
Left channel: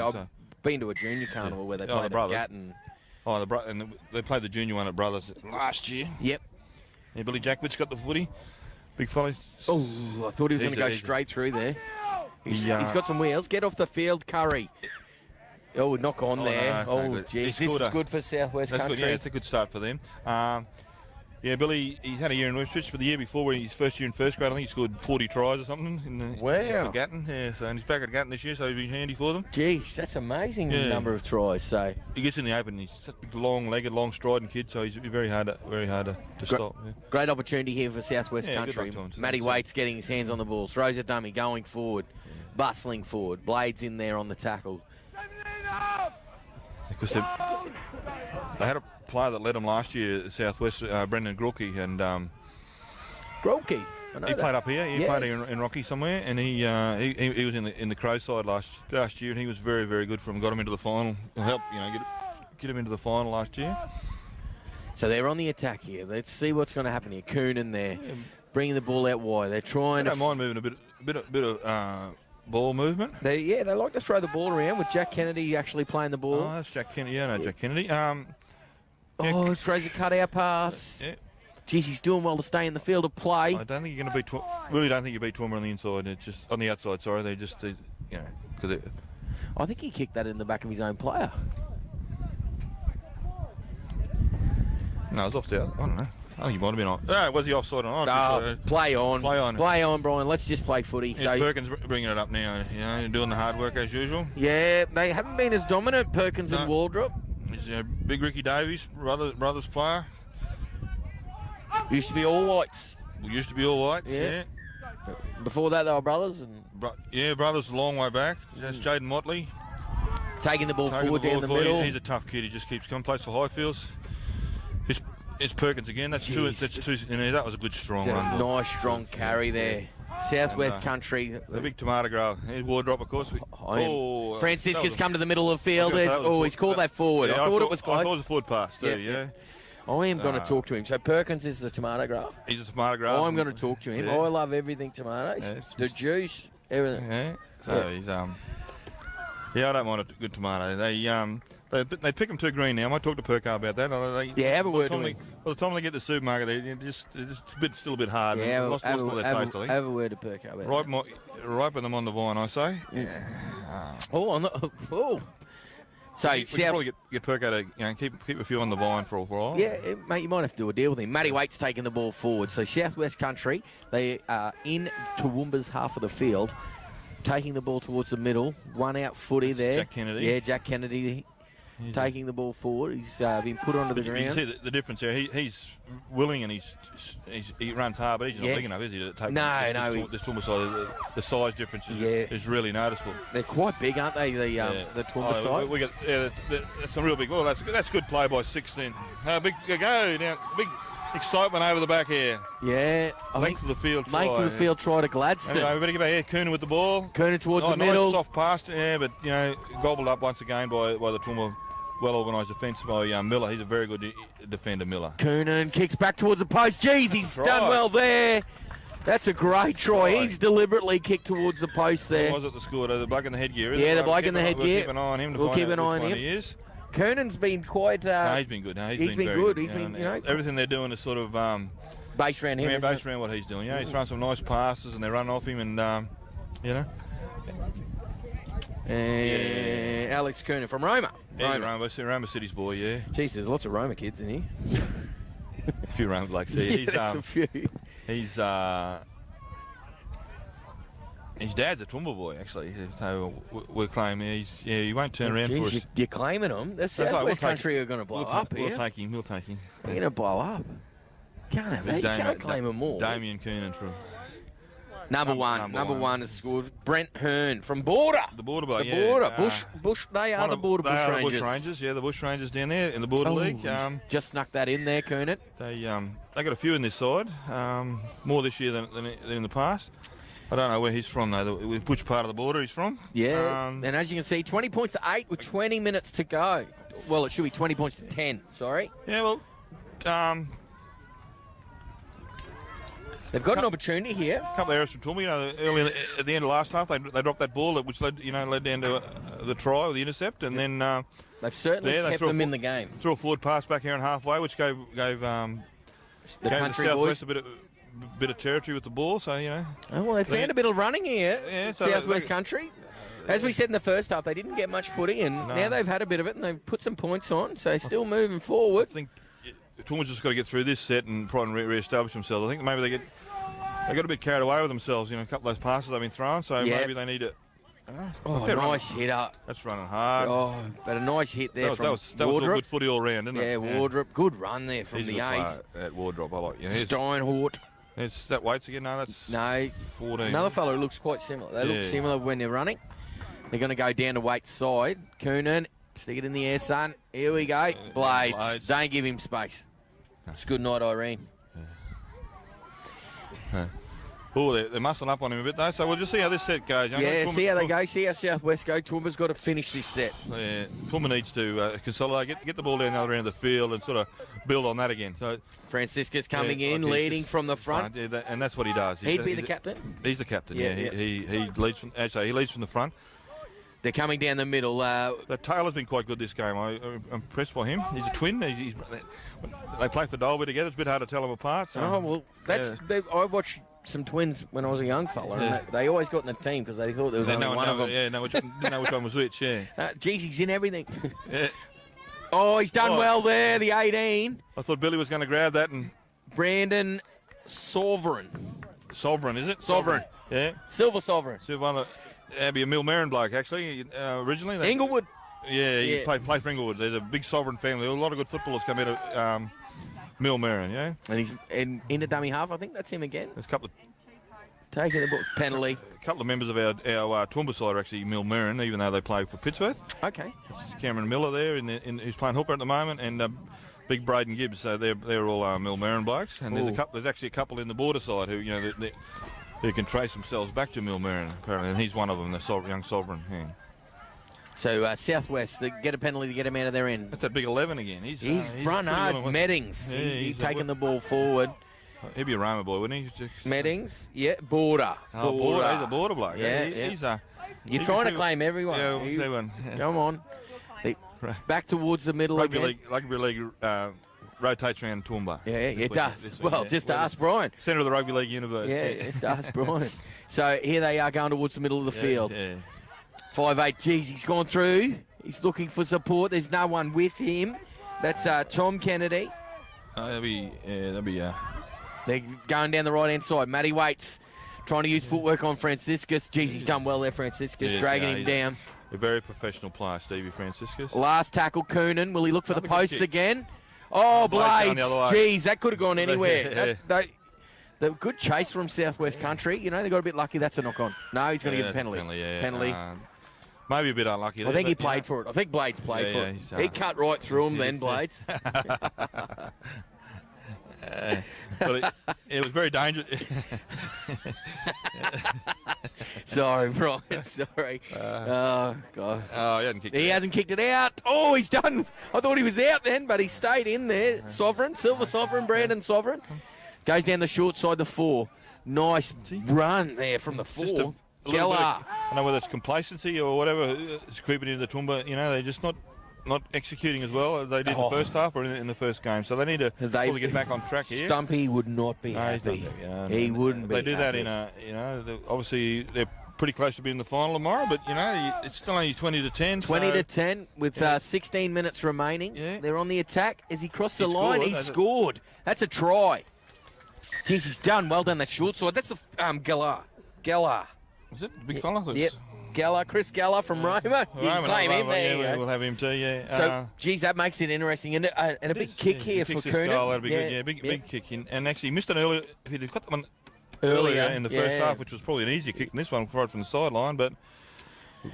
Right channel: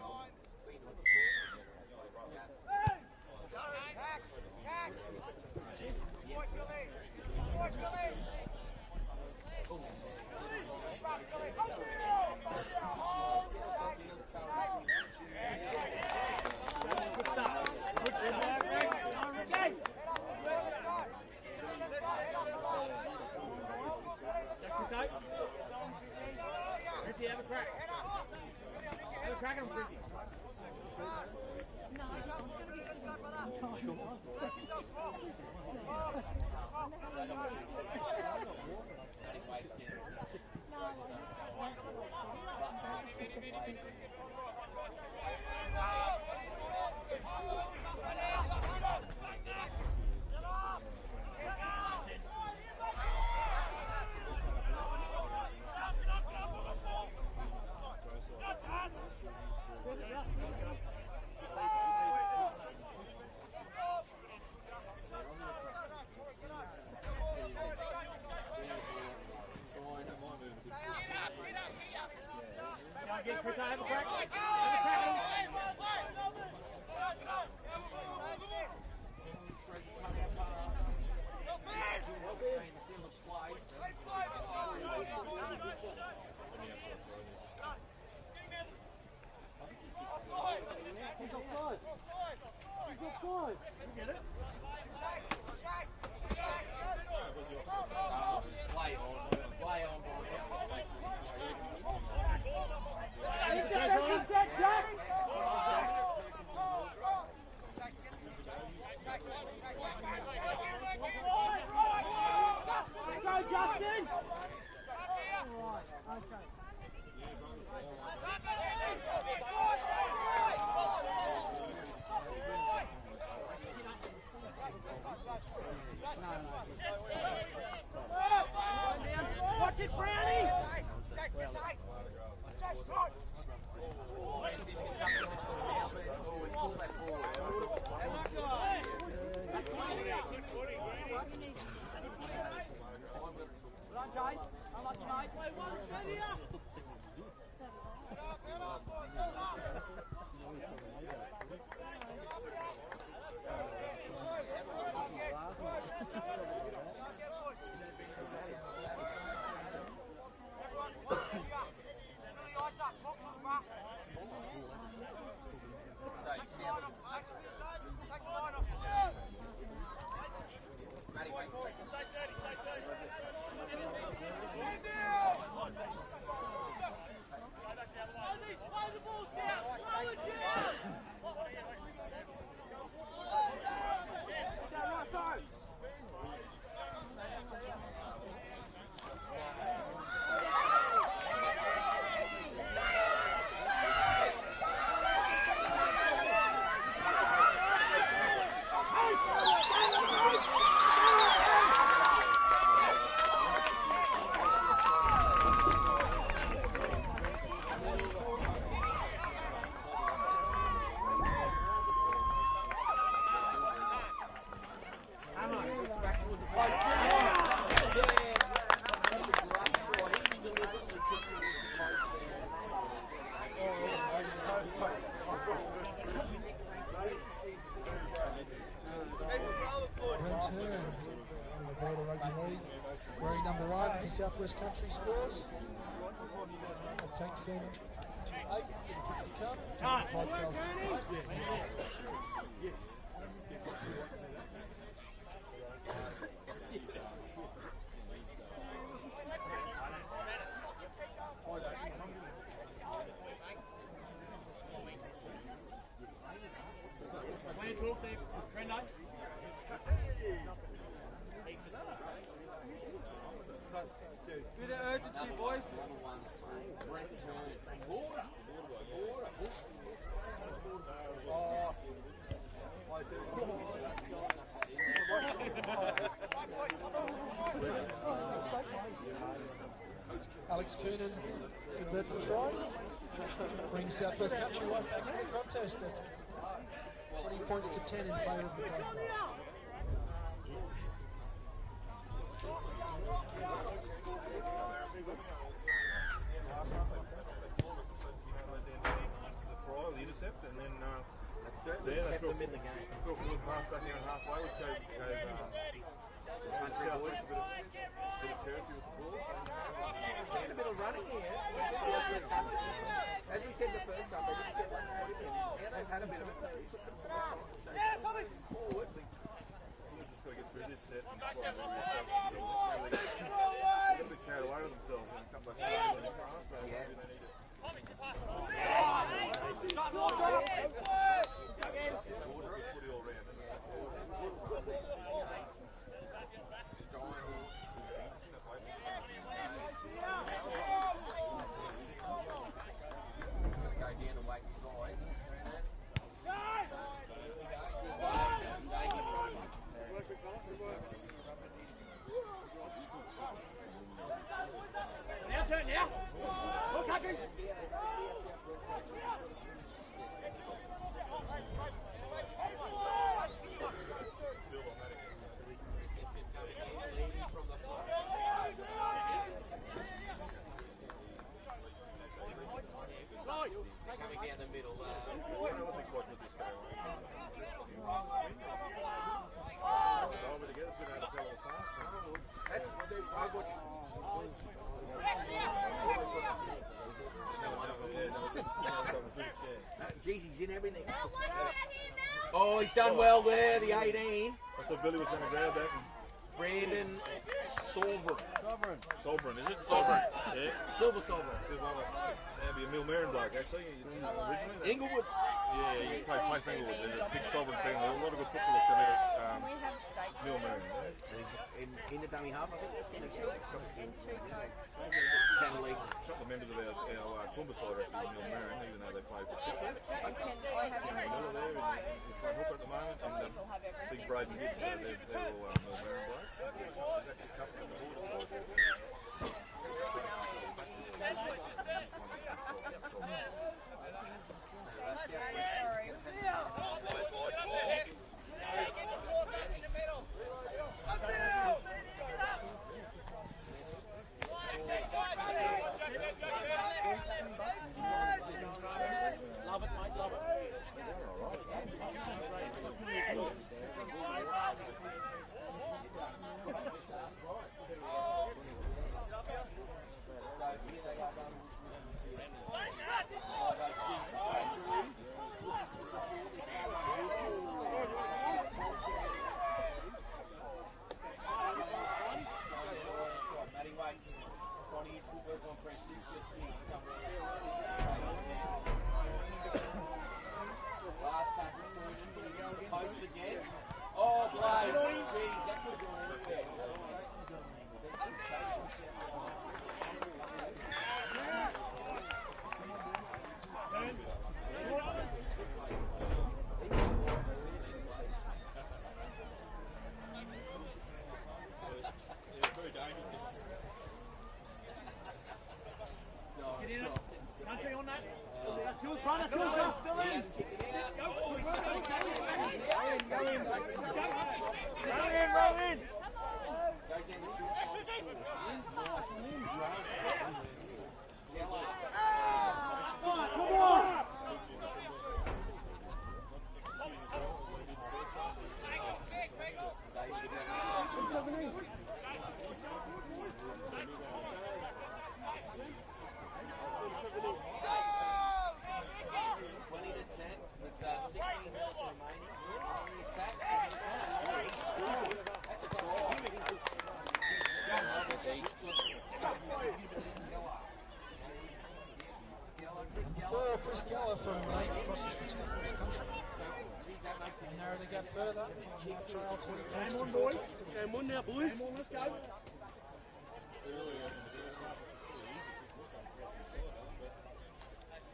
I've been to a junior carnival where they played at Gatton. And they played the junior one at Brothers last year. Yep. Yeah, Billy Jackwitz got the footy. Big fella. Oh, I thought he was going to go straight through there. He's got some wheels. Get off the field, Curry. Oh, knock on there. Geez, this is good for Southwest Country. Good, it's a good start for them. Billy, he had a year in Westwich, but the year before, his first year in first grade, I think he scored 40 tries or something. Wow. Gatton, and he's back at Gatton this year, so he'll be handy for them. Geez, that's amazing number of tries. So he gets in the open. He's such a long-legged, long-striding kid, so he's very hard to stop. Yeah. Great opportunity here for Southwest Country. Matty Waite's getting his hands on the ball. Throws a dummy, going forward, bustling forward. Blades in there on the tackle. Because they had a player that led them last year at Southwest, Brendan Grulke, and Grulke. He played up here. He played in Rocky somewhere, and he was in the Crow side last year, and he was very, very good for him. Got him into the final. Helped get him into the final last year. So they're on the attack here. Let's see what's going to happen here. Coonan there, bringing the ball out wide. They're trying to. Don't mind moving a bit of ball movement. They like to throw the ball around with Jack Kennedy actually playing the ball. Oh, that's Jack Kennedy. Yeah, no, Jack Kennedy. Throws a cutout pass. Yeah. Geez, he's doing well to stay in the field of play. I don't think you're going to beat. Really, don't think you beat Toowoomba on the inside. It's just on the outside. Sorry, they just because I think he kicked that in the back of his own player. No, it was off the out. I don't know. Oh, you might have been on. No, was he offside or not? Play on. Play on, Brian. Let's just play footy. So Perkins bringing it up now, doing the hard work as usual. Yeah, they haven't been as dominant, Perkins and Wardop. He's big Ricky Davies, brothers player. Used to be all whites. Yeah. Before that, they were brothers. Brothers a long way back. That's Jayden Motley. Taking the ball forward down the middle. He's a tough kid. He just keeps coming. Plays for Highfields. It's Perkins again. That's two. That was a good strong run. Nice strong carry there. Southwest Country. The big tomato grower. Here's Wardop, of course. Franciscus come to the middle of the field. He's called that forward. I thought it was close. I thought it was a forward pass too, I am going to talk to him. So Perkins is the tomato grower. He's a tomato grower. I'm going to talk to him. Yeah. I love everything tomatoes. The juice, everything. Yeah. So he's I don't mind a good tomato. They pick them too green now. I might talk to Perkar about that. Have a word with him. By the time they get to the supermarket, they're just still a bit hard. Yeah, lost all their taste, I think. Have a word to Perkar. Ripen them on the vine, I say. Yeah. So we can probably get Perkar to keep a few on the vine for a while. Yeah, mate, you might have to do a deal with him. Matty Waite's taking the ball forward. So Southwest Country, they are in Toowoomba's half of the field, taking the ball towards the middle. One out footy there. Jack Kennedy. Yeah, Jack Kennedy taking the ball forward. He's been put onto the ground. You can see the difference there. He's willing and he runs hard, but he's not big enough, is he? To take the Toowoomba side. The size difference is really noticeable. They're quite big, aren't they? The Toowoomba side. We got some real big. Well, that's good play by 16. Big excitement over the back here. Yeah, length of the field. Length of the field. Try to Gladstone. Okay, we better get back here. Coonan with the ball. Coonan towards the middle. Nice soft pass, but gobbled up once again by the Toowoomba well organised defence by Millar. He's a very good defender, Millar. Coonan kicks back towards the post. Jeez, he's done well there. That's a great try. He's deliberately kicked towards the post there. What was it the score? The bloke in the headgear, isn't Yeah, it? the bloke in the headgear. We'll keep an eye on him to find out which one he is. Coonan's been quite... he's been good. No, he's been good. He's been, you know... Everything they're doing is sort of... base around him. Yeah, base around what he's doing. Yeah, he's throwing some nice passes and they're running off him and, you know. Alex Coonan from Roma. Yeah, Roma City's boy, yeah. Jeez, there's lots of Roma kids in here. A few Roma blokes there. Yeah, a few. His dad's a Toowoomba boy, actually. So we're claiming he won't turn around for us. You're claiming him. The Southwest Country are going to blow up here. We'll take him. They're going to blow up. You can't have that. You can't claim them all. Damien Coonan from... Number one has scored. Brent Hearne from Border. The Border bloke, The Border. Bush. They are the Border Bush Rangers. The Bush Rangers, yeah, the Bush Rangers down there in the Border League. Just snuck that in there, Coonan. They got a few in this side. More this year than in the past. I don't know where he's from, though. Which part of the border he's from. Yeah, and as you can see, 20 points to 8 with 20 minutes to go. Well, it should be 20 points to 10, sorry. Yeah, well, they've got an opportunity here. A couple of errors from Toowoomba. You know, early at the end of last half, they dropped that ball, which led down to the try or the intercept, and then they've certainly kept them in the game. Threw a forward pass back here and halfway, which gave the country boys a bit of territory with the ball. So you know. Oh, well, they found a bit of running here. Yeah, Southwest Country. As we said in the first half, they didn't get much footy, and now they've had a bit of it, and they've put some points on, so still moving forward. I think Toowoomba's just got to get through this set and probably re-establish themselves. I think maybe they got a bit carried away with themselves, you know, a couple of those passes they've been throwing, so maybe they need to... nice hit up. That's running hard. Oh, but a nice hit there from Wardop. That was all good footy all round, didn't it? Yeah, Wardop. Good run there from the 8. At Wardop, I like. Yeah, Steinhort. Is that Waits again? No, that's 14. Another fellow who looks quite similar. They look similar when they're running. They're going to go down to Waits' side. Coonan, stick it in the air, son. Here we go. Blades. Don't give him space. It's good night, Irene. Oh, they're muscling up on him a bit, though, so we'll just see how this set goes. Yeah, see how they go, see how Southwest go. Toowoomba's got to finish this set. Yeah, Toowoomba needs to consolidate, get the ball down the other end of the field and sort of build on that again. So Franciscus coming in, leading from the front. And that's what he does. He'd be the captain? He's the captain, He leads from the front. They're coming down the middle. Taylor's been quite good this game. I'm impressed by him. He's a twin. They play for Dolby together. It's a bit hard to tell them apart. So. I watched some twins when I was a young fella. And they always got in the team because they thought there was only one of them. Yeah, didn't know which one was which. Yeah. Geez, he's in everything. Yeah. Oh, he's done well there. The 18. I thought Billy was going to grab that and. Brandon Sovereign, is it? Sovereign. Yeah. Silver Sovereign. That'd be a Millar bloke, actually, originally. Inglewood. Yeah, he played for Inglewood. There's a big Sovereign family. A lot of good footballers come out of Millar, yeah. And he's in the dummy half. I think that's him again. There's a couple of... Taking the penalty. A couple of members of our Toowoomba side are actually Millar, even though they play for Pittsworth. Okay. Cameron Millar there, who's playing hooker at the moment, and big Braydon Gibbs. So they're all Millar blokes. And there's actually a couple in the border side who, who can trace themselves back to Millar, apparently, and he's one of them, the young Sovereign. Yeah. So Southwest, they get a penalty to get him out of their end. That's that big 11 again. He's run hard. Meddings. He's taking the ball forward. He'd be a Roma boy, wouldn't he? Meddings, Border. Border. He's a border bloke. Yeah. You're trying to claim everyone. Yeah, we'll see one. Come on. Back towards the middle again. Rugby league rotates around Toowoomba. Yeah, it does. Well, just ask Brian. Centre of the rugby league universe. Yeah, just ask Brian. So here they are going towards the middle of the field. Yeah. 5'8", geez, he's gone through. He's looking for support. There's no one with him. That's Tom Kennedy. That'll be. They're going down the right-hand side. Matty Waits trying to use footwork on Franciscus. Geez, he's done well there, Franciscus, dragging him down. A very professiontional player, Stevie Franciscus. Last tackle, Coonan. Will he look for the posts again? Oh, Blades. Geez, that could have gone anywhere. The good chase from Southwest Country. They got a bit lucky. That's a knock-on. No, he's going to give a penalty. Penalty. Maybe a bit unlucky. I think he played for it. I think Blades played for it. He cut right through him then, Blades. But it was very dangerous. Sorry, Brian. Sorry. Oh, God. Oh, He hasn't kicked it out. Oh, he's done. I thought he was out then, but he stayed in there. Sovereign, Silver Sovereign, Brandon Sovereign. Goes down the short side to 4. Nice run there from the 4. Gelhaar. I don't know whether it's complacency or whatever. It's creeping into the Toowoomba. You know, they're just not executing as well as they did in the first half or in the first game. So they need to fully get back on track here. Stumpy would not be happy. He wouldn't be. They do that in a, obviously they're pretty close to being in the final tomorrow, but it's still only 20 to 10. 20 to 10 with 16 minutes remaining. Yeah. They're on the attack. As he crossed the line, he scored. That's a try. Jeez, he's done. Well done, that short side. That's Gelhaar. Gelhaar. Is it? Big fella? Yep. Gelhaar, Chris Gelhaar from Roma. You can claim him there. We'll have him too, yeah. So, geez, that makes it interesting. And a big kick here for Coonan. That'd be good. Yeah, big kick. And actually, he missed an earlier. If he'd got one earlier in the first half, which was probably an easier kick than this one, right from the sideline, but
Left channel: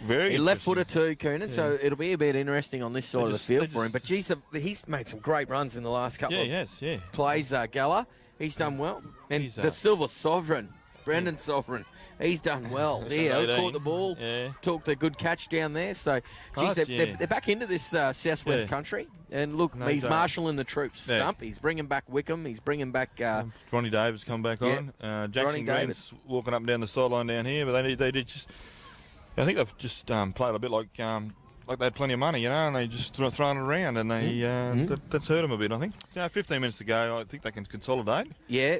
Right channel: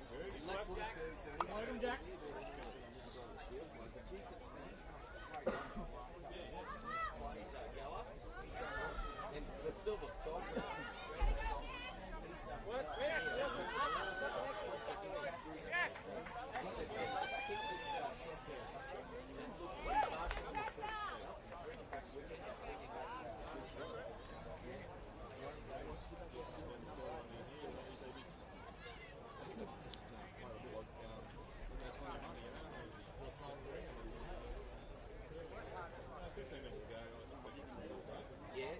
very left-footer too, Coonan, so it'll be a bit interesting on this side of the field for him. But, geez, he's made some great runs in the last couple of plays, Gelhaar. He's done well. And the Silver Sovereign, Brendan Sovereign, he's done well. Caught the ball, took the good catch down there. So, geez, they're back into this southwest country. And look, he's marshalling the troops. Stump. He's bringing back Wickham. He's bringing back Ronnie Davies come back on. Jackson Green's walking up and down the sideline down here, but they did just. I think they've just played a bit like they had plenty of money, and they just throwing it around, and they that's hurt them a bit. I think. 15 minutes to go. I think they can consolidate. Yeah.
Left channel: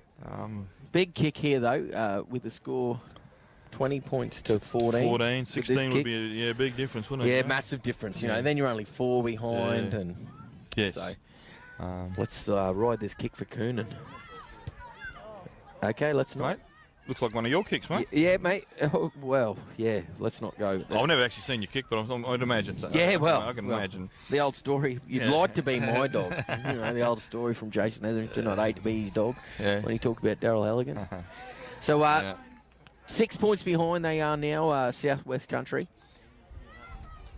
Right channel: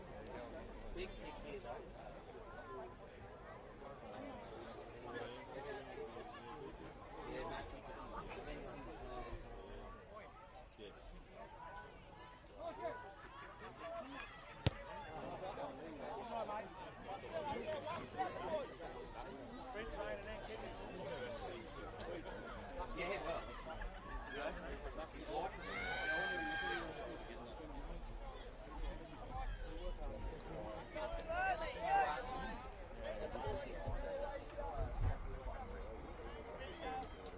Big kick here though, with the score. 20 points to 14. 14, 16 would be a big difference, wouldn't it? Yeah, massive difference. And then you're only 4 behind, and so let's ride this kick for Coonan. Okay, let's not. Looks like one of your kicks, mate. Yeah, mate. Oh, well, yeah, let's not go. I've never actually seen you kick, but I'd imagine so. Yeah, well, I can imagine. The old story. You'd like to be my dog. The old story from Jason Etherington. I'd hate to be his dog when he talked about Daryl Halligan. So, 6 points behind they are now, Southwest Country.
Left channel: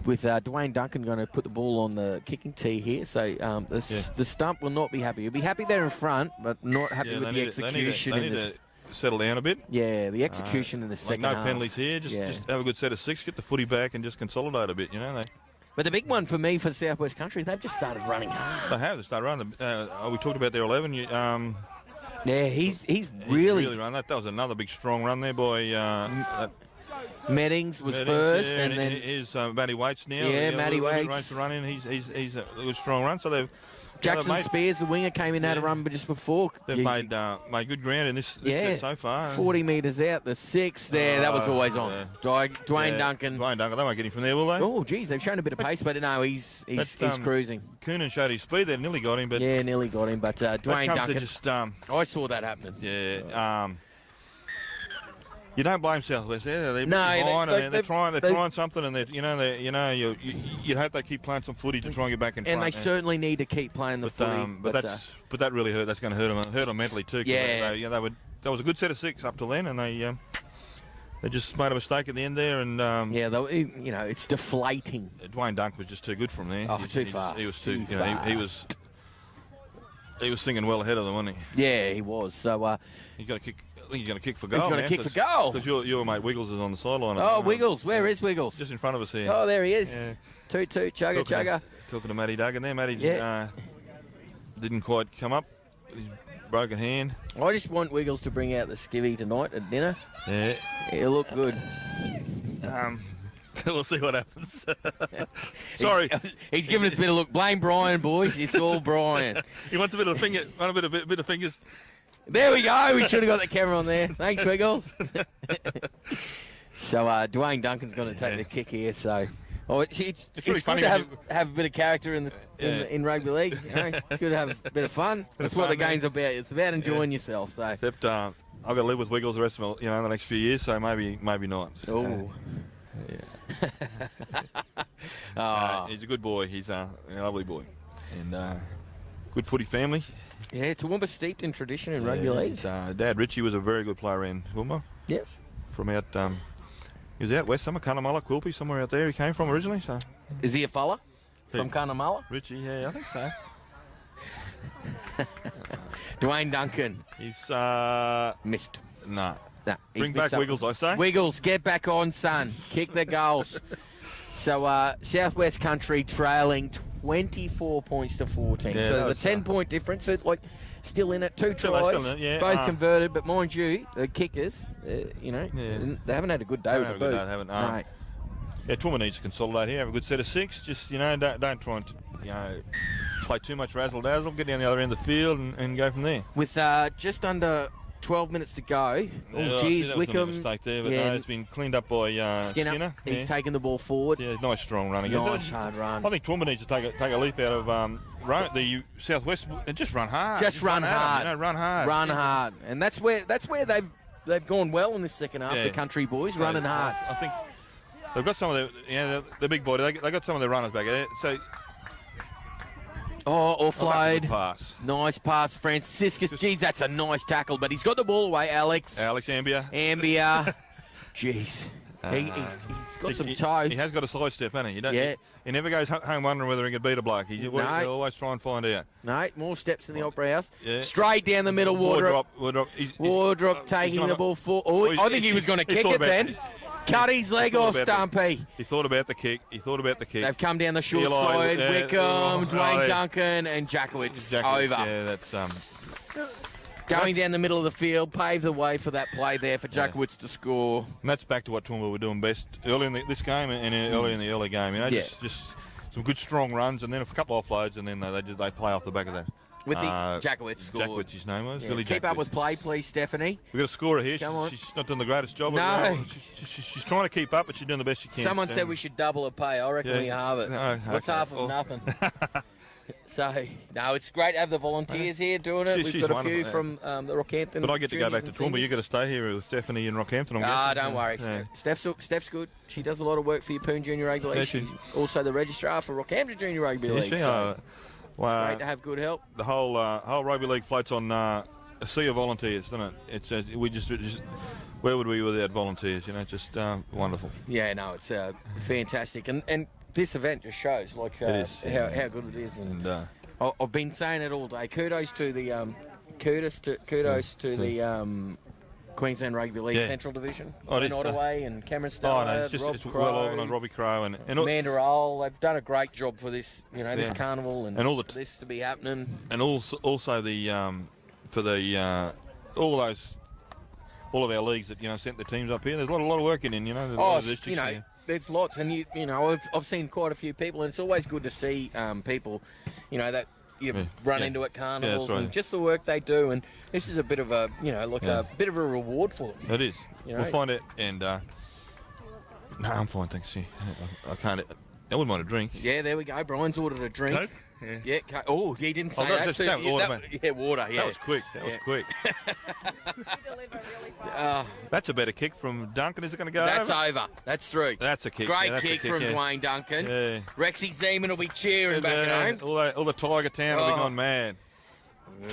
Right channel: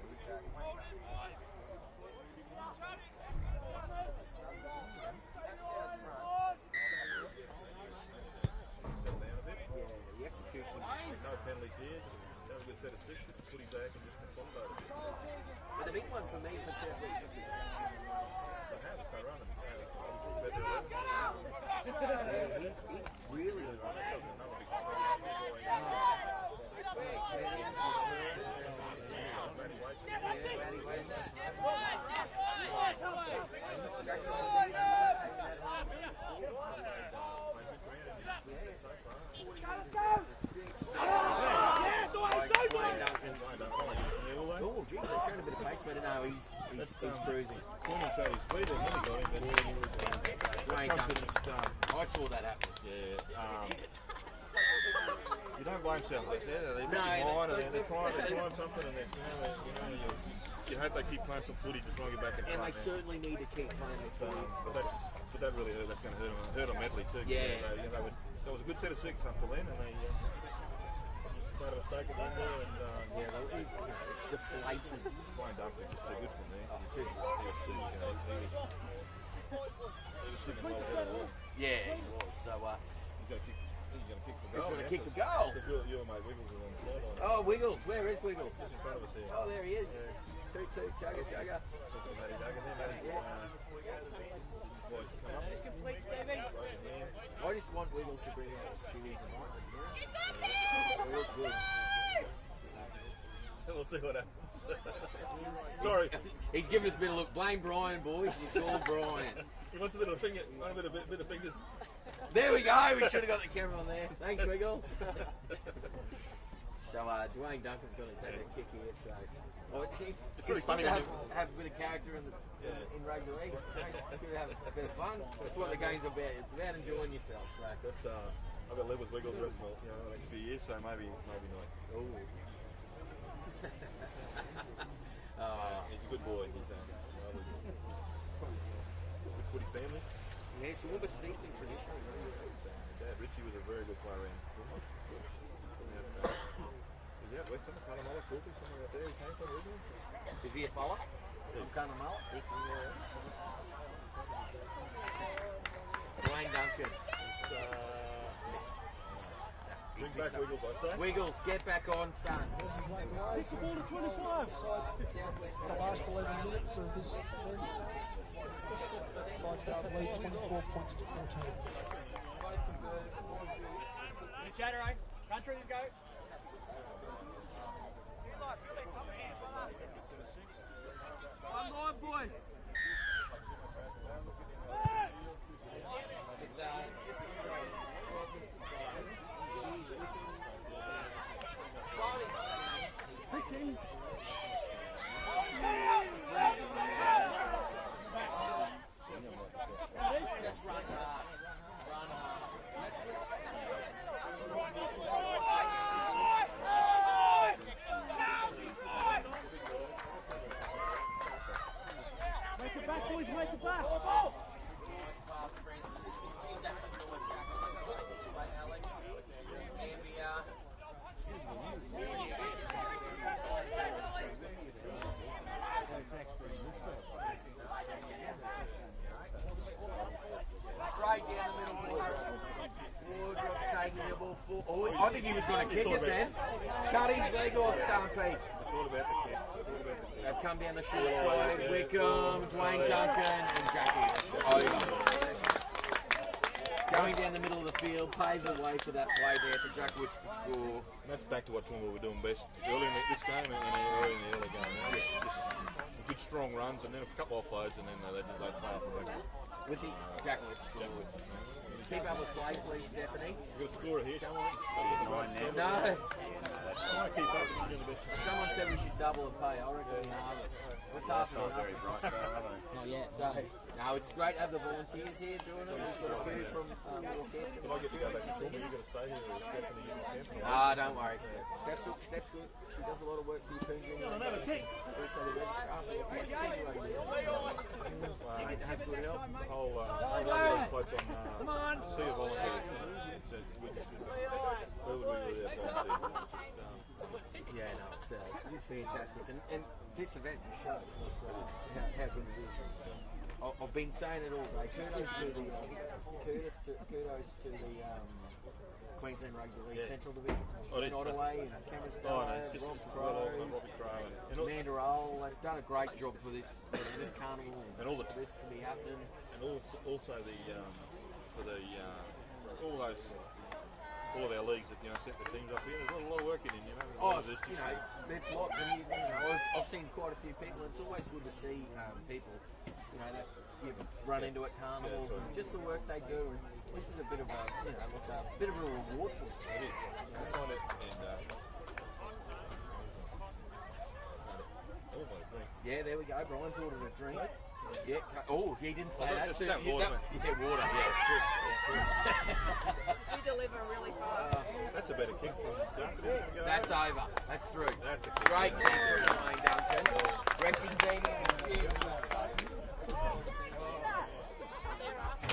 With Dwayne Duncan going to put the ball on the kicking tee here. So the stump will not be happy. He'll be happy there in front, but not happy with the execution. They need to settle down a bit. Yeah, the execution in the second half. No penalties here. Just have a good set of 6, get the footy back and just consolidate a bit, But the big one for me for Southwest Country, they've just started running hard. They have. They started running. We talked about their 11. He's really run. That was another big strong run there by Meddings was first, and then is Matty Waits now. Yeah, Matty Waits. Run in. He's a good strong run. So they've Jackson-Spears, the winger, came in had a run just before. They've made good ground in this set so far. 40 metres out, the 6 there. That was always on. Dwayne Duncan. Dwayne Duncan. They won't get him from there, will they? Oh, geez, they've shown a bit of pace, but no, he's cruising. Coonan showed his speed there, nearly got him. But nearly got him, but Dwayne Duncan. Just, I saw that happen. Yeah. You don't blame Southwest there. They're trying something, and you'd hope they keep playing some footy to try and get back in front. And they certainly need to keep playing the footy. But that really hurt. That's going to hurt them mentally too. Yeah. That was a good set of 6 up to then, and they just made a mistake at the end there, and it's deflating. Dwayne Duncan was just too good from there. Too fast. He was too. He was singing well ahead of them, wasn't he? Yeah, he was. So he got a kick. I think he's going to kick for goal. He's going to kick for goal. Because your mate Wiggles is on the sideline. Oh, Wiggles. Where is Wiggles? Just in front of us here. Oh, there he is. Toot, chugga. Talking to Matty Duggan there. Matty didn't quite come up. Broken hand. I just want Wiggles to bring out the skivvy tonight at dinner. Yeah. He'll look good. We'll see what happens. Sorry. He's giving us a bit of look. Blame Brian, boys. It's all Brian. He wants a bit of finger. Want a bit of fingers. There we go. We should have got the camera on there. Thanks, Wiggles. So Dwayne Duncan's going to take the kick here. So it's really funny to have a bit of character in rugby league. It's good to have a bit of fun. That's what the game's about. It's about enjoying yourself. So except I've got to live with Wiggles the rest of the next few years. So maybe not. Oh. He's a good boy. He's a lovely boy, and good footy family. Yeah, Toowoomba steeped in tradition in rugby league. Dad Richie was a very good player in Toowoomba. Yep. From out, he was out west somewhere, Cunnamulla, Quilpie, somewhere out there he came from originally. So. Is he a fella from Cunnamulla? Richie, yeah, I think so. Dwayne Duncan. He's missed. No. Nah, Bring back Wiggles, I say. Wiggles, get back on, son. Kick the goals. So Southwest Country trailing 24 points to 14. Yeah, so the 10-point difference, still in it. 2 tries, in it, yeah. both converted. But mind you, the kickers, they haven't had a good day with the boot. No. Yeah, Toowoomba needs to consolidate here. Have a good set of 6. Just don't try and play too much razzle dazzle. Get down the other end of the field and go from there. With just under 12 minutes to go. Oh, geez, Wickham. Mistake there, but no, it's been cleaned up by Skinner. He's taken the ball forward. Yeah, nice strong run again. Nice hard run. I think Toowoomba needs to take a leap out of the Southwest and just run hard. Run hard. Run hard. Run hard. And that's where they've gone well in this second half. The country boys running hard. I think they've got some of the big boy. They got some of their runners back there. So. Offload. Pass. Nice pass, Franciscus. Geez, that's a nice tackle, but he's got the ball away, Alex. Ambia. Jeez. He's got some toe. He has got a side step, hasn't he? He never goes home wondering whether he can beat a bloke. He always try and find out. No, more steps in the Opera House. Yeah. Straight down the middle, Wardop. Wardop taking the ball forward. I think he was going to kick it then. Cut his leg off, Stumpy. He thought about the kick. They've come down the short side. Wickham, Dwayne Duncan, and Jackwitz over. Yeah, that's going down the middle of the field, pave the way for that play there for Jackwitz to score. And that's back to what Toowoomba were doing best early in this game and early in the early game. Just some good strong runs and then a couple of offloads and then they play off the back of that. With the Jackwitz scored. Jackwitz, his name was. Yeah. Keep up with play, please, Stephanie. We've got a scorer here. Come on. She's not doing the greatest job. No. She's trying to keep up, but she's doing the best she can. Someone said we should double her pay. I reckon we have it. No, what's half of nothing? So, no, it's great to have the volunteers here doing it. We've got a few from the Rockhampton. But I get to go back to Toowoomba. You've got to stay here with Stephanie in Rockhampton. Don't worry. Yeah. Steph's good. She does a lot of work for Yeppoon Junior Rugby League. She's also the registrar for Rockhampton Junior Rugby League. It's great to have good help. The whole rugby league floats on a sea of volunteers, doesn't it? It's we just where would we be without volunteers? Just wonderful. Yeah, no, it's fantastic, and this event just shows how good it is. And I've been saying it all day. Kudos to the Queensland Rugby League Central Division. Ben Ottaway and Cameron Starr, it's well organised. Robbie Crow and Amanda Roll. They've done a great job for this, this carnival and all this to be happening. And also the all of our leagues that sent the teams up here. There's a lot of work in. There's lots, and I've seen quite a few people, and it's always good to see people, that you run into at carnivals and just the work they do. And this is a bit of a a bit of a reward for them. It is. We'll find it. And no, I'm fine, thanks. I can't. I wouldn't mind a drink. Yeah, there we go. Brian's ordered a drink. Coke? Yeah. Oh, he didn't say that. Water. Water. Yeah, that was quick. That's a better kick from Duncan. Is it going to go That's over. That's through. That's a kick. Great kick from Dwayne Duncan. Yeah. Rexy Zeman will be cheering back at home. All the Tiger Town will be gone mad.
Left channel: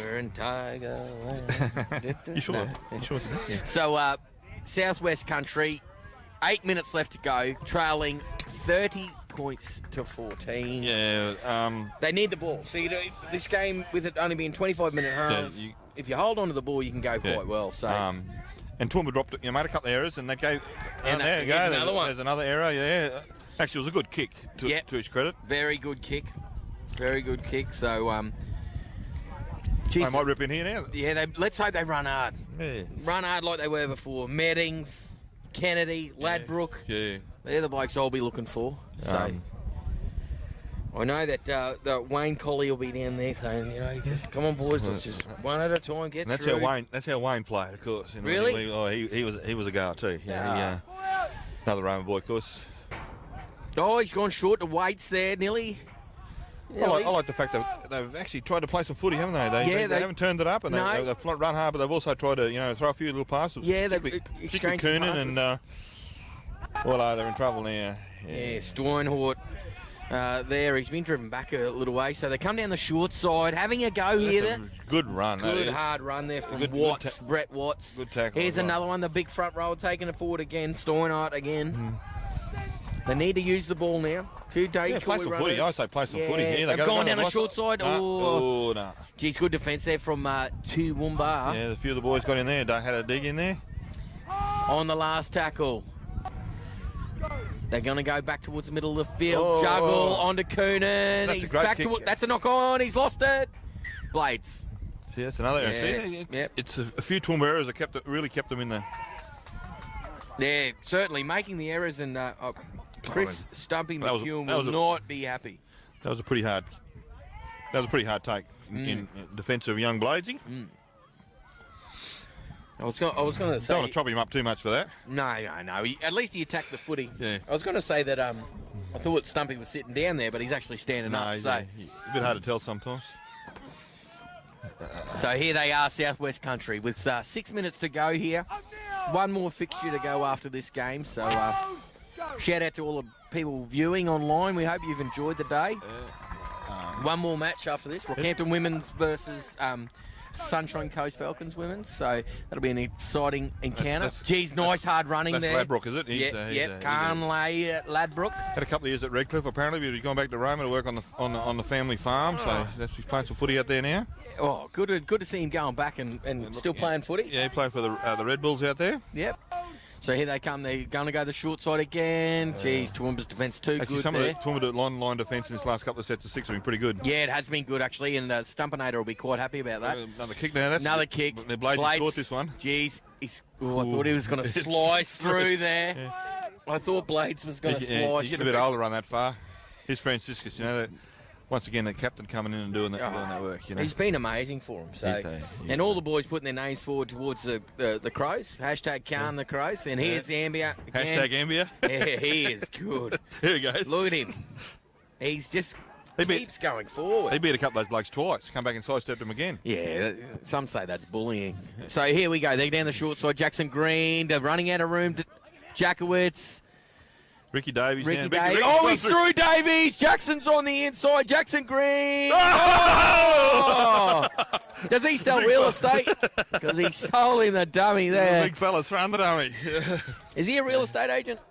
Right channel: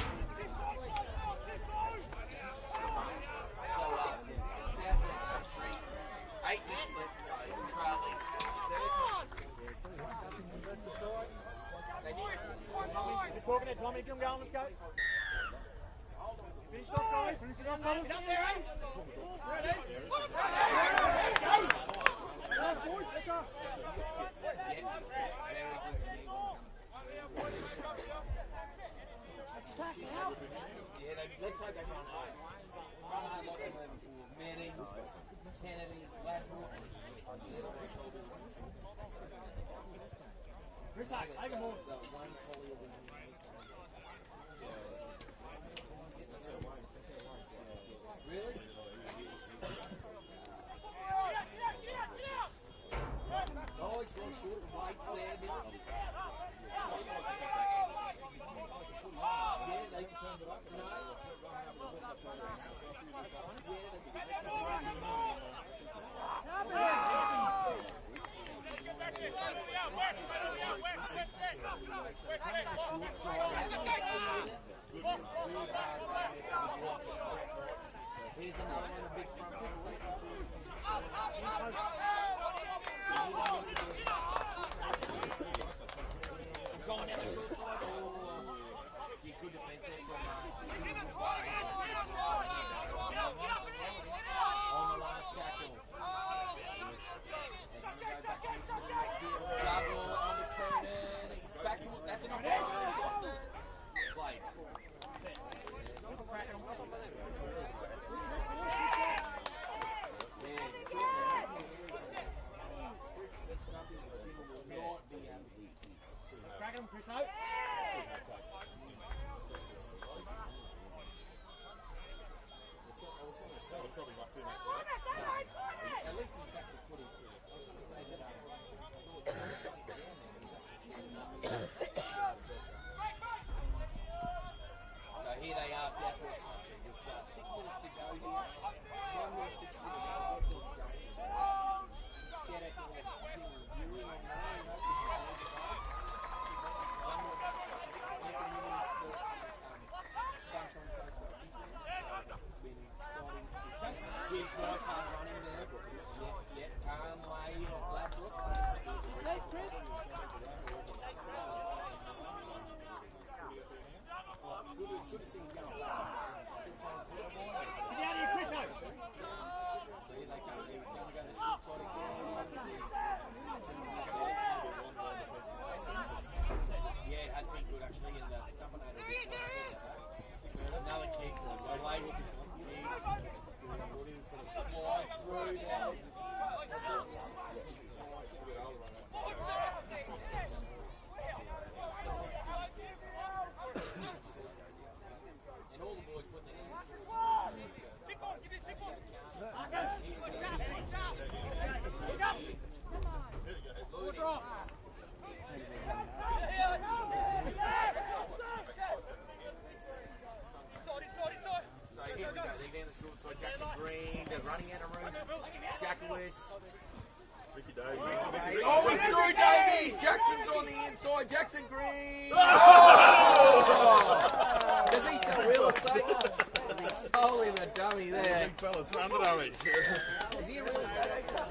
We're in Tiger Land. You sure? Yeah. So, Southwest Country, 8 minutes left to go, trailing 30 points to 14. Yeah. They need the ball. So this game, with it only being 25-minute halves, if you hold on to the ball, you can go quite well. So. And Toowoomba dropped it. Made a couple of errors, and they go. And there you go. Another one. There's another error. Yeah. Actually, it was a good kick. To his credit. Very good kick. Very good kick. So. They might rip in here now. Yeah. Let's hope they run hard. Yeah. Run hard like they were before. Meddings, Kennedy, Ladbrook. Yeah. They're the blokes I'll be looking for. So. I know that the Wayne Collie will be down there saying, just come on, boys, let's just one at a time get through. That's how Wayne played, of course. Really? He was a goer too. Another Roman boy, of course. Oh, he's gone short to weights there, nearly. I like the fact that they've actually tried to play some footy, haven't they? They haven't turned it up, and they've run hard, but they've also tried to, throw a few little passes. Yeah, they've exchanged passes. And they're in trouble now. Yeah, Steinhort. There, he's been driven back a little way, so they come down the short side, having a go here. Good run. Good hard run there from Brett Watts. Good tackle. Here's another one, the big front row taking it forward again. Steinhart again. They need to use the ball now. Few Yeah, play some footy. I say play some footy. Yeah, they've gone down the short side. Oh, no. Geez, good defence there from Toowoomba. Yeah, a few of the boys got in there. Had a dig in there. On the last tackle. They're going to go back towards the middle of the field. Juggle onto Coonan. That's a great kick. That's a knock on. He's lost it. Blades. Yeah, that's another error. Yeah. It's a few Toowoomba errors that really kept them in there. Yeah, certainly making the errors, and Chris Stumpy McEwen will not be happy. That was a pretty hard. That was a pretty hard take in defence of young Bladesy. I was going to say. Don't want to chop him up too much for that. No. At least he attacked the footy. Yeah. I was going to say that I thought Stumpy was sitting down there, but he's actually standing up. So a bit hard to tell sometimes. So here they are, Southwest Country, with 6 minutes to go here. One more fixture to go after this game. So shout out to all the people viewing online. We hope you've enjoyed the day. One more match after this. Rockhampton Women's versus Sunshine Coast Falcons Women's. So that'll be an exciting encounter. Geez, nice hard running there. That's Ladbroke, is it? Yep. Carnley at Ladbroke. Had a couple of years at Redcliffe apparently, but he's gone back to Roma to work on the family farm. So he's playing some footy out there now. Oh, good to see him going back and still playing footy. Yeah, he played for the Red Bulls out there. Yep. So here they come. They're going to go the short side again. Geez, Toowoomba's defence too good some there. of the Toowoomba line defence in this last couple of sets of six have been pretty good. Yeah, it has been good actually, and Stumpinator will be quite happy about that. Another kick now. Another kick. The Blades scored this one. Geez, I thought he was going to slice through there. Yeah. I thought Blades was going to slice. He's getting a bit older to run that far. Here's Franciscus, once again, the captain coming in and doing that work. He's been amazing for him. So, and all the boys putting their names forward towards the Crows. Hashtag Carn the Crows. And here's Ambia. Hashtag Ambia. Yeah, he is good. Here he goes. Look at him. He's just keeps going forward. He beat a couple of those blokes twice. Come back and sidestepped him again. Yeah, some say that's bullying. So here we go. They're down the short side. Jackson Green. They're running out of room. Jackwitz. Ricky Davies. Oh, he's through Davies. Jackson's on the inside. Jackson Green. Oh! Does he sell real estate? Because he's selling the dummy there. Big fella's throwing the dummy. Is he a real estate agent?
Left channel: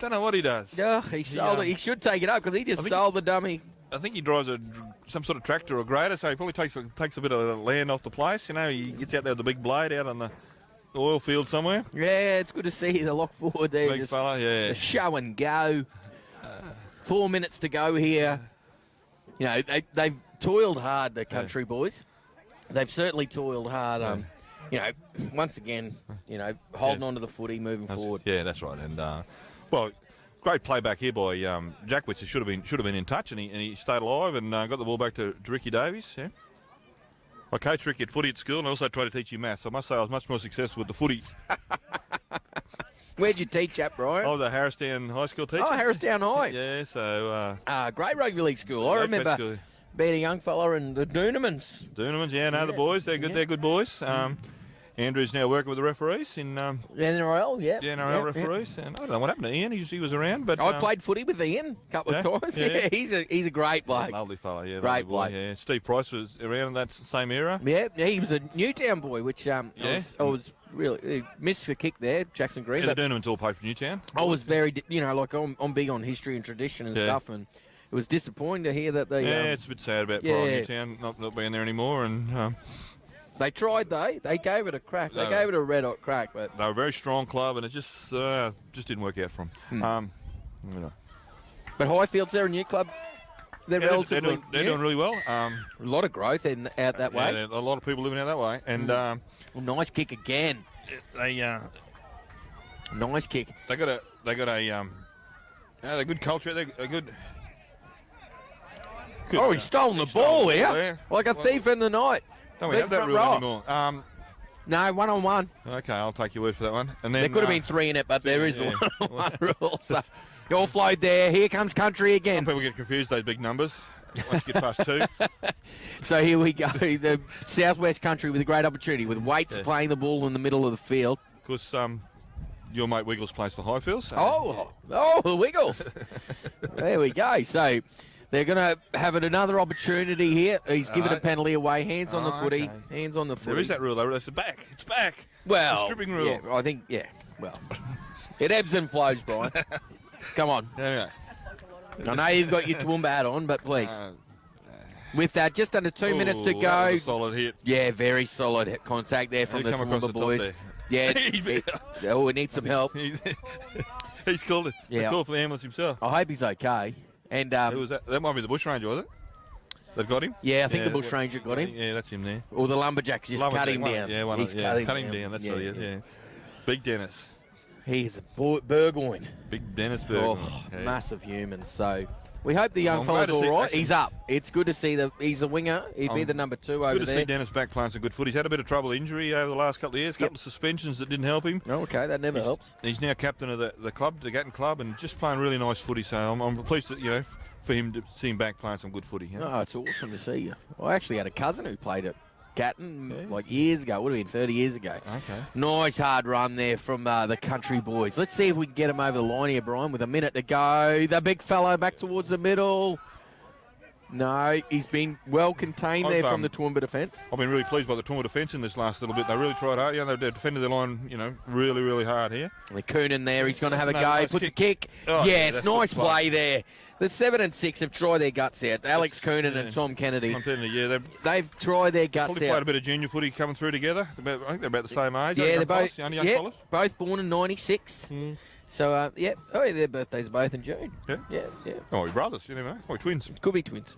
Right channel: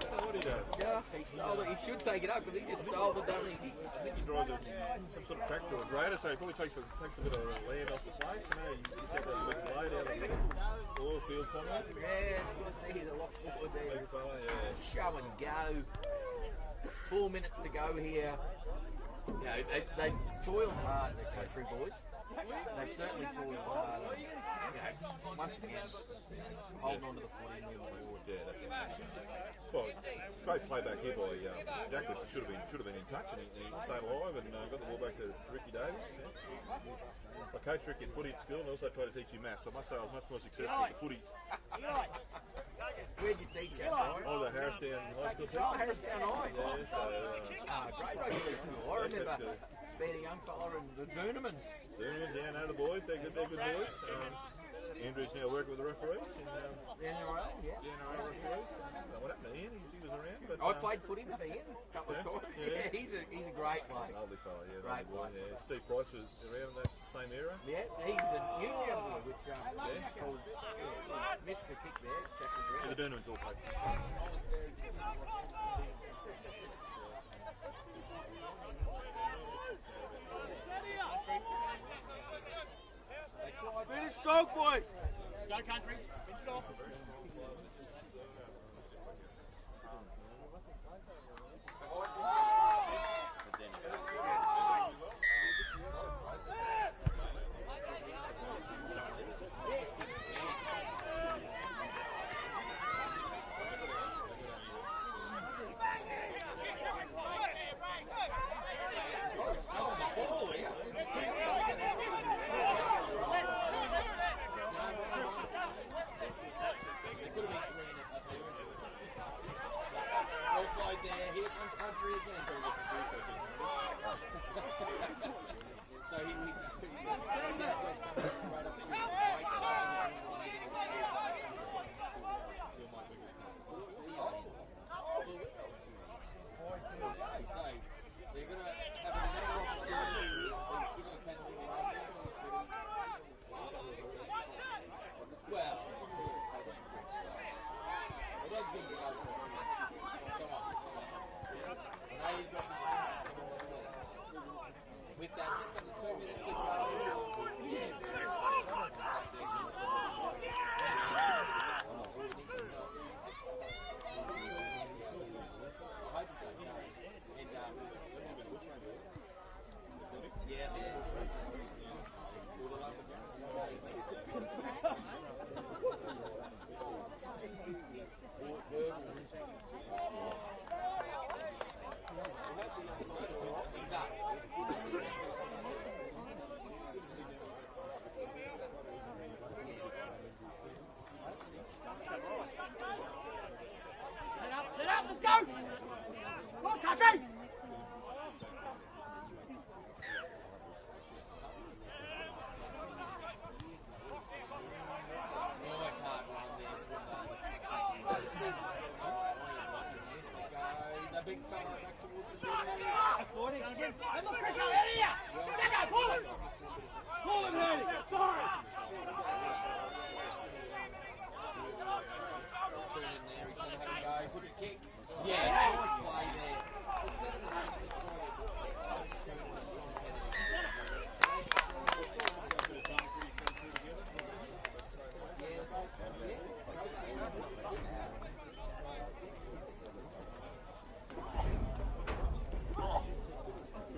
Don't know what he does. Yeah, he sold it. He should take it up because he just sold the dummy. I think he drives some sort of tractor or grader, so he probably takes a bit of land off the place. He gets out there with the big blade out on the oil field somewhere. Yeah, it's good to see the lock forward there. Big fella, yeah. The show and go. 4 minutes to go here. They've toiled hard, the country boys. They've certainly toiled hard. Once again, holding on to the footy, moving forward. Yeah, that's right. And great play back here by Jackwitz. He should have been in touch, and he stayed alive and got the ball back to Ricky Davies. Yeah. I coached Ricky at footy at school, and I also tried to teach him maths. I must say I was much more successful with the footy. Where'd you teach at, Brian? I was a Harrisdown High School teacher. Oh, Harrisdown High. Yeah, so... great rugby league school. I remember being a young fella in the Doonamans. The boys. They're good. Yeah. They're good boys. Andrew's now working with the referees in... NRL, yeah. Yeah, NRL referees. Yeah. And I don't know what happened to Ian. He was around, but... I played footy with Ian a couple of times. Yeah, he's a great bloke. Lovely fella, yeah. Great bloke. Yeah. Steve Price was around in that same era. Yeah, he was a Newtown boy, which I was really... missed the kick there, Jackson Green. Yeah, the Doonamans all played for Newtown. I was very... I'm big on history and tradition and stuff, and it was disappointing to hear that they... it's a bit sad about Newtown not being there anymore, and... They tried, They gave it a crack. They gave it a red-hot crack, but... They were a very strong club, and it just didn't work out for them. But Highfields, they're a new club. They're relatively... They're doing really well. A lot of growth out that way. Yeah, a lot of people living out that way. And nice kick again. Nice kick. They got a good culture. They're good. Oh, he's stolen the ball here, like a thief in the night. Don't we have that rule anymore? No, 1-on-1. Okay, I'll take your word for that one. And then, there could have been 3 in it, but there is a 1-on-1 rule. So you're flowed there. Here comes country again. Some people get confused, those big numbers. Once you get past 2. So here we go. The Southwest Country with a great opportunity with Waits playing the ball in the middle of the field. Because your mate Wiggles plays for Highfields. So. Oh, the Wiggles. There we go. So... They're going to have another opportunity here. He's given a penalty away. Hands on the footy. Okay. Hands on the footy. There is that rule, though. It's back. It's back. Well, it's a stripping rule. Yeah, I think, well, it ebbs and flows, Brian. Come on. Yeah. I know you've got your Toowoomba hat on, but please. With that, just under 2 minutes to That go. was a solid hit. Yeah, very solid contact there from the Come across Toowoomba the top boys. there. Yeah, we need some help. He's called it. Yeah. He called for the ambulance himself. I hope he's okay. And Who was that? That might be the bushranger, was it? That got him? yeah, I think the bushranger got him. Yeah, that's him there. Or the lumberjacks just cut him down. Yeah, He's cut him down. That's what he is. Yeah. Big Dennis. He's a Burgoyne. Big Dennis Burgoyne. Oh, massive human. So we hope the young I'm fella's glad to all see- right. He's up. It's good to see that he's a winger. He'd be the number 2 over Good to there. see Dennis back playing some good foot. He's had a bit of trouble injury over the last couple of years, couple of suspensions that didn't help him. Oh, okay, that never helps. He's now captain of the club, the Gatton club, and just playing really nice footy. So I'm pleased that, for him to see him back playing some good footy. Oh, it's awesome to see you. I actually had a cousin who played at Gatton like years ago. Would have been 30 years ago. Okay. Nice hard run there from the country boys. Let's see if we can get him over the line here, Brian, with a minute to go. The big fellow back towards the middle. No, he's been well contained there from the Toowoomba defence. I've been really pleased by the Toowoomba defence in this last little bit. They really tried hard. They defended their line, really, really hard here. Coonan there, he's going to have a go. Nice Puts kick. a kick. Oh, yes, that's nice good play there. The 7 and 6 have tried their guts out. Alex Coonan and Tom Kennedy. I'm telling you, they've They've tried their guts probably played out. a bit of junior footy coming through together. I think they're about the same age. Yeah, they're both. Young fellas. Both born in '96. So their birthdays are both in June. Yeah. Yeah. Oh, we're brothers, you never know. Oh, we're twins. Could be twins.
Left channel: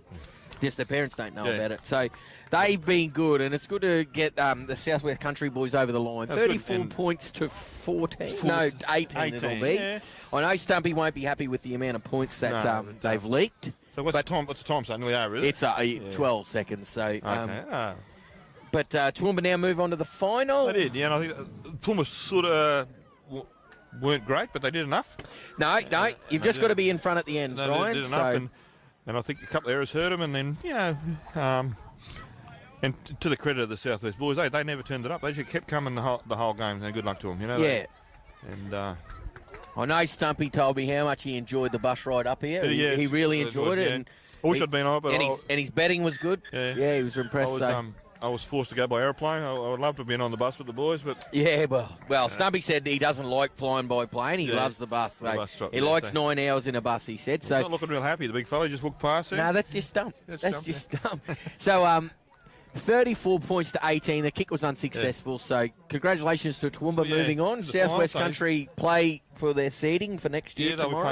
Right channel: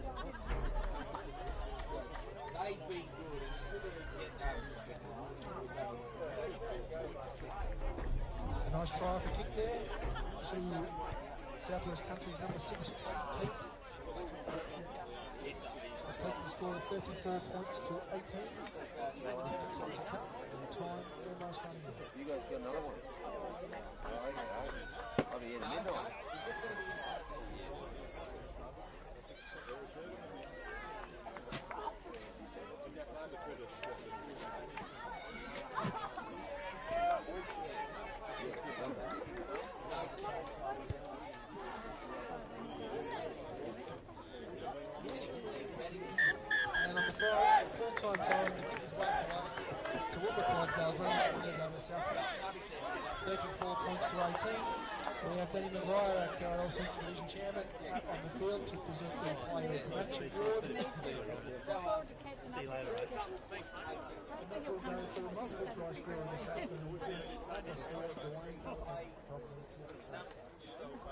Just their parents don't know Yeah. about it. So they've been good, and it's good to get the Southwest Country boys over the line. That's 34 good. points to 14. No, 18 it'll be. Yeah. I know Stumpy won't be happy with the amount of points that No. they've leaked. So what's the time saying we are, is it? It's 12 seconds. So, Okay. but Toowoomba now move on to the final. They did, yeah, and I think Toowoomba sort of weren't great, but they did enough. No, you've just got to be in front at the end, No, Brian. they did enough, and I think a couple of errors hurt them, and then, and to the credit of the Southwest boys, they never turned it up. They just kept coming the whole game, and good luck to them, Yeah. And I know Stumpy told me how much he enjoyed the bus ride up here. Yeah, He really it was enjoyed good, it. yeah. And I wish I'd been on it, but and his betting was good. Yeah. He was impressed. I was forced to go by aeroplane. I would love to have been on the bus with the boys, but Well, Stumpy said he doesn't like flying by plane. He loves the bus. So bus stop, he yeah. likes 9 hours in a bus, he said. he's So not looking real happy. The big fella just walked past him. no, that's just dumb. That's just dumb. So 34 points to 18. The kick was unsuccessful. So congratulations to Toowoomba moving on. the Southwest final Country play for their seeding for next year Yeah, they'll be tomorrow.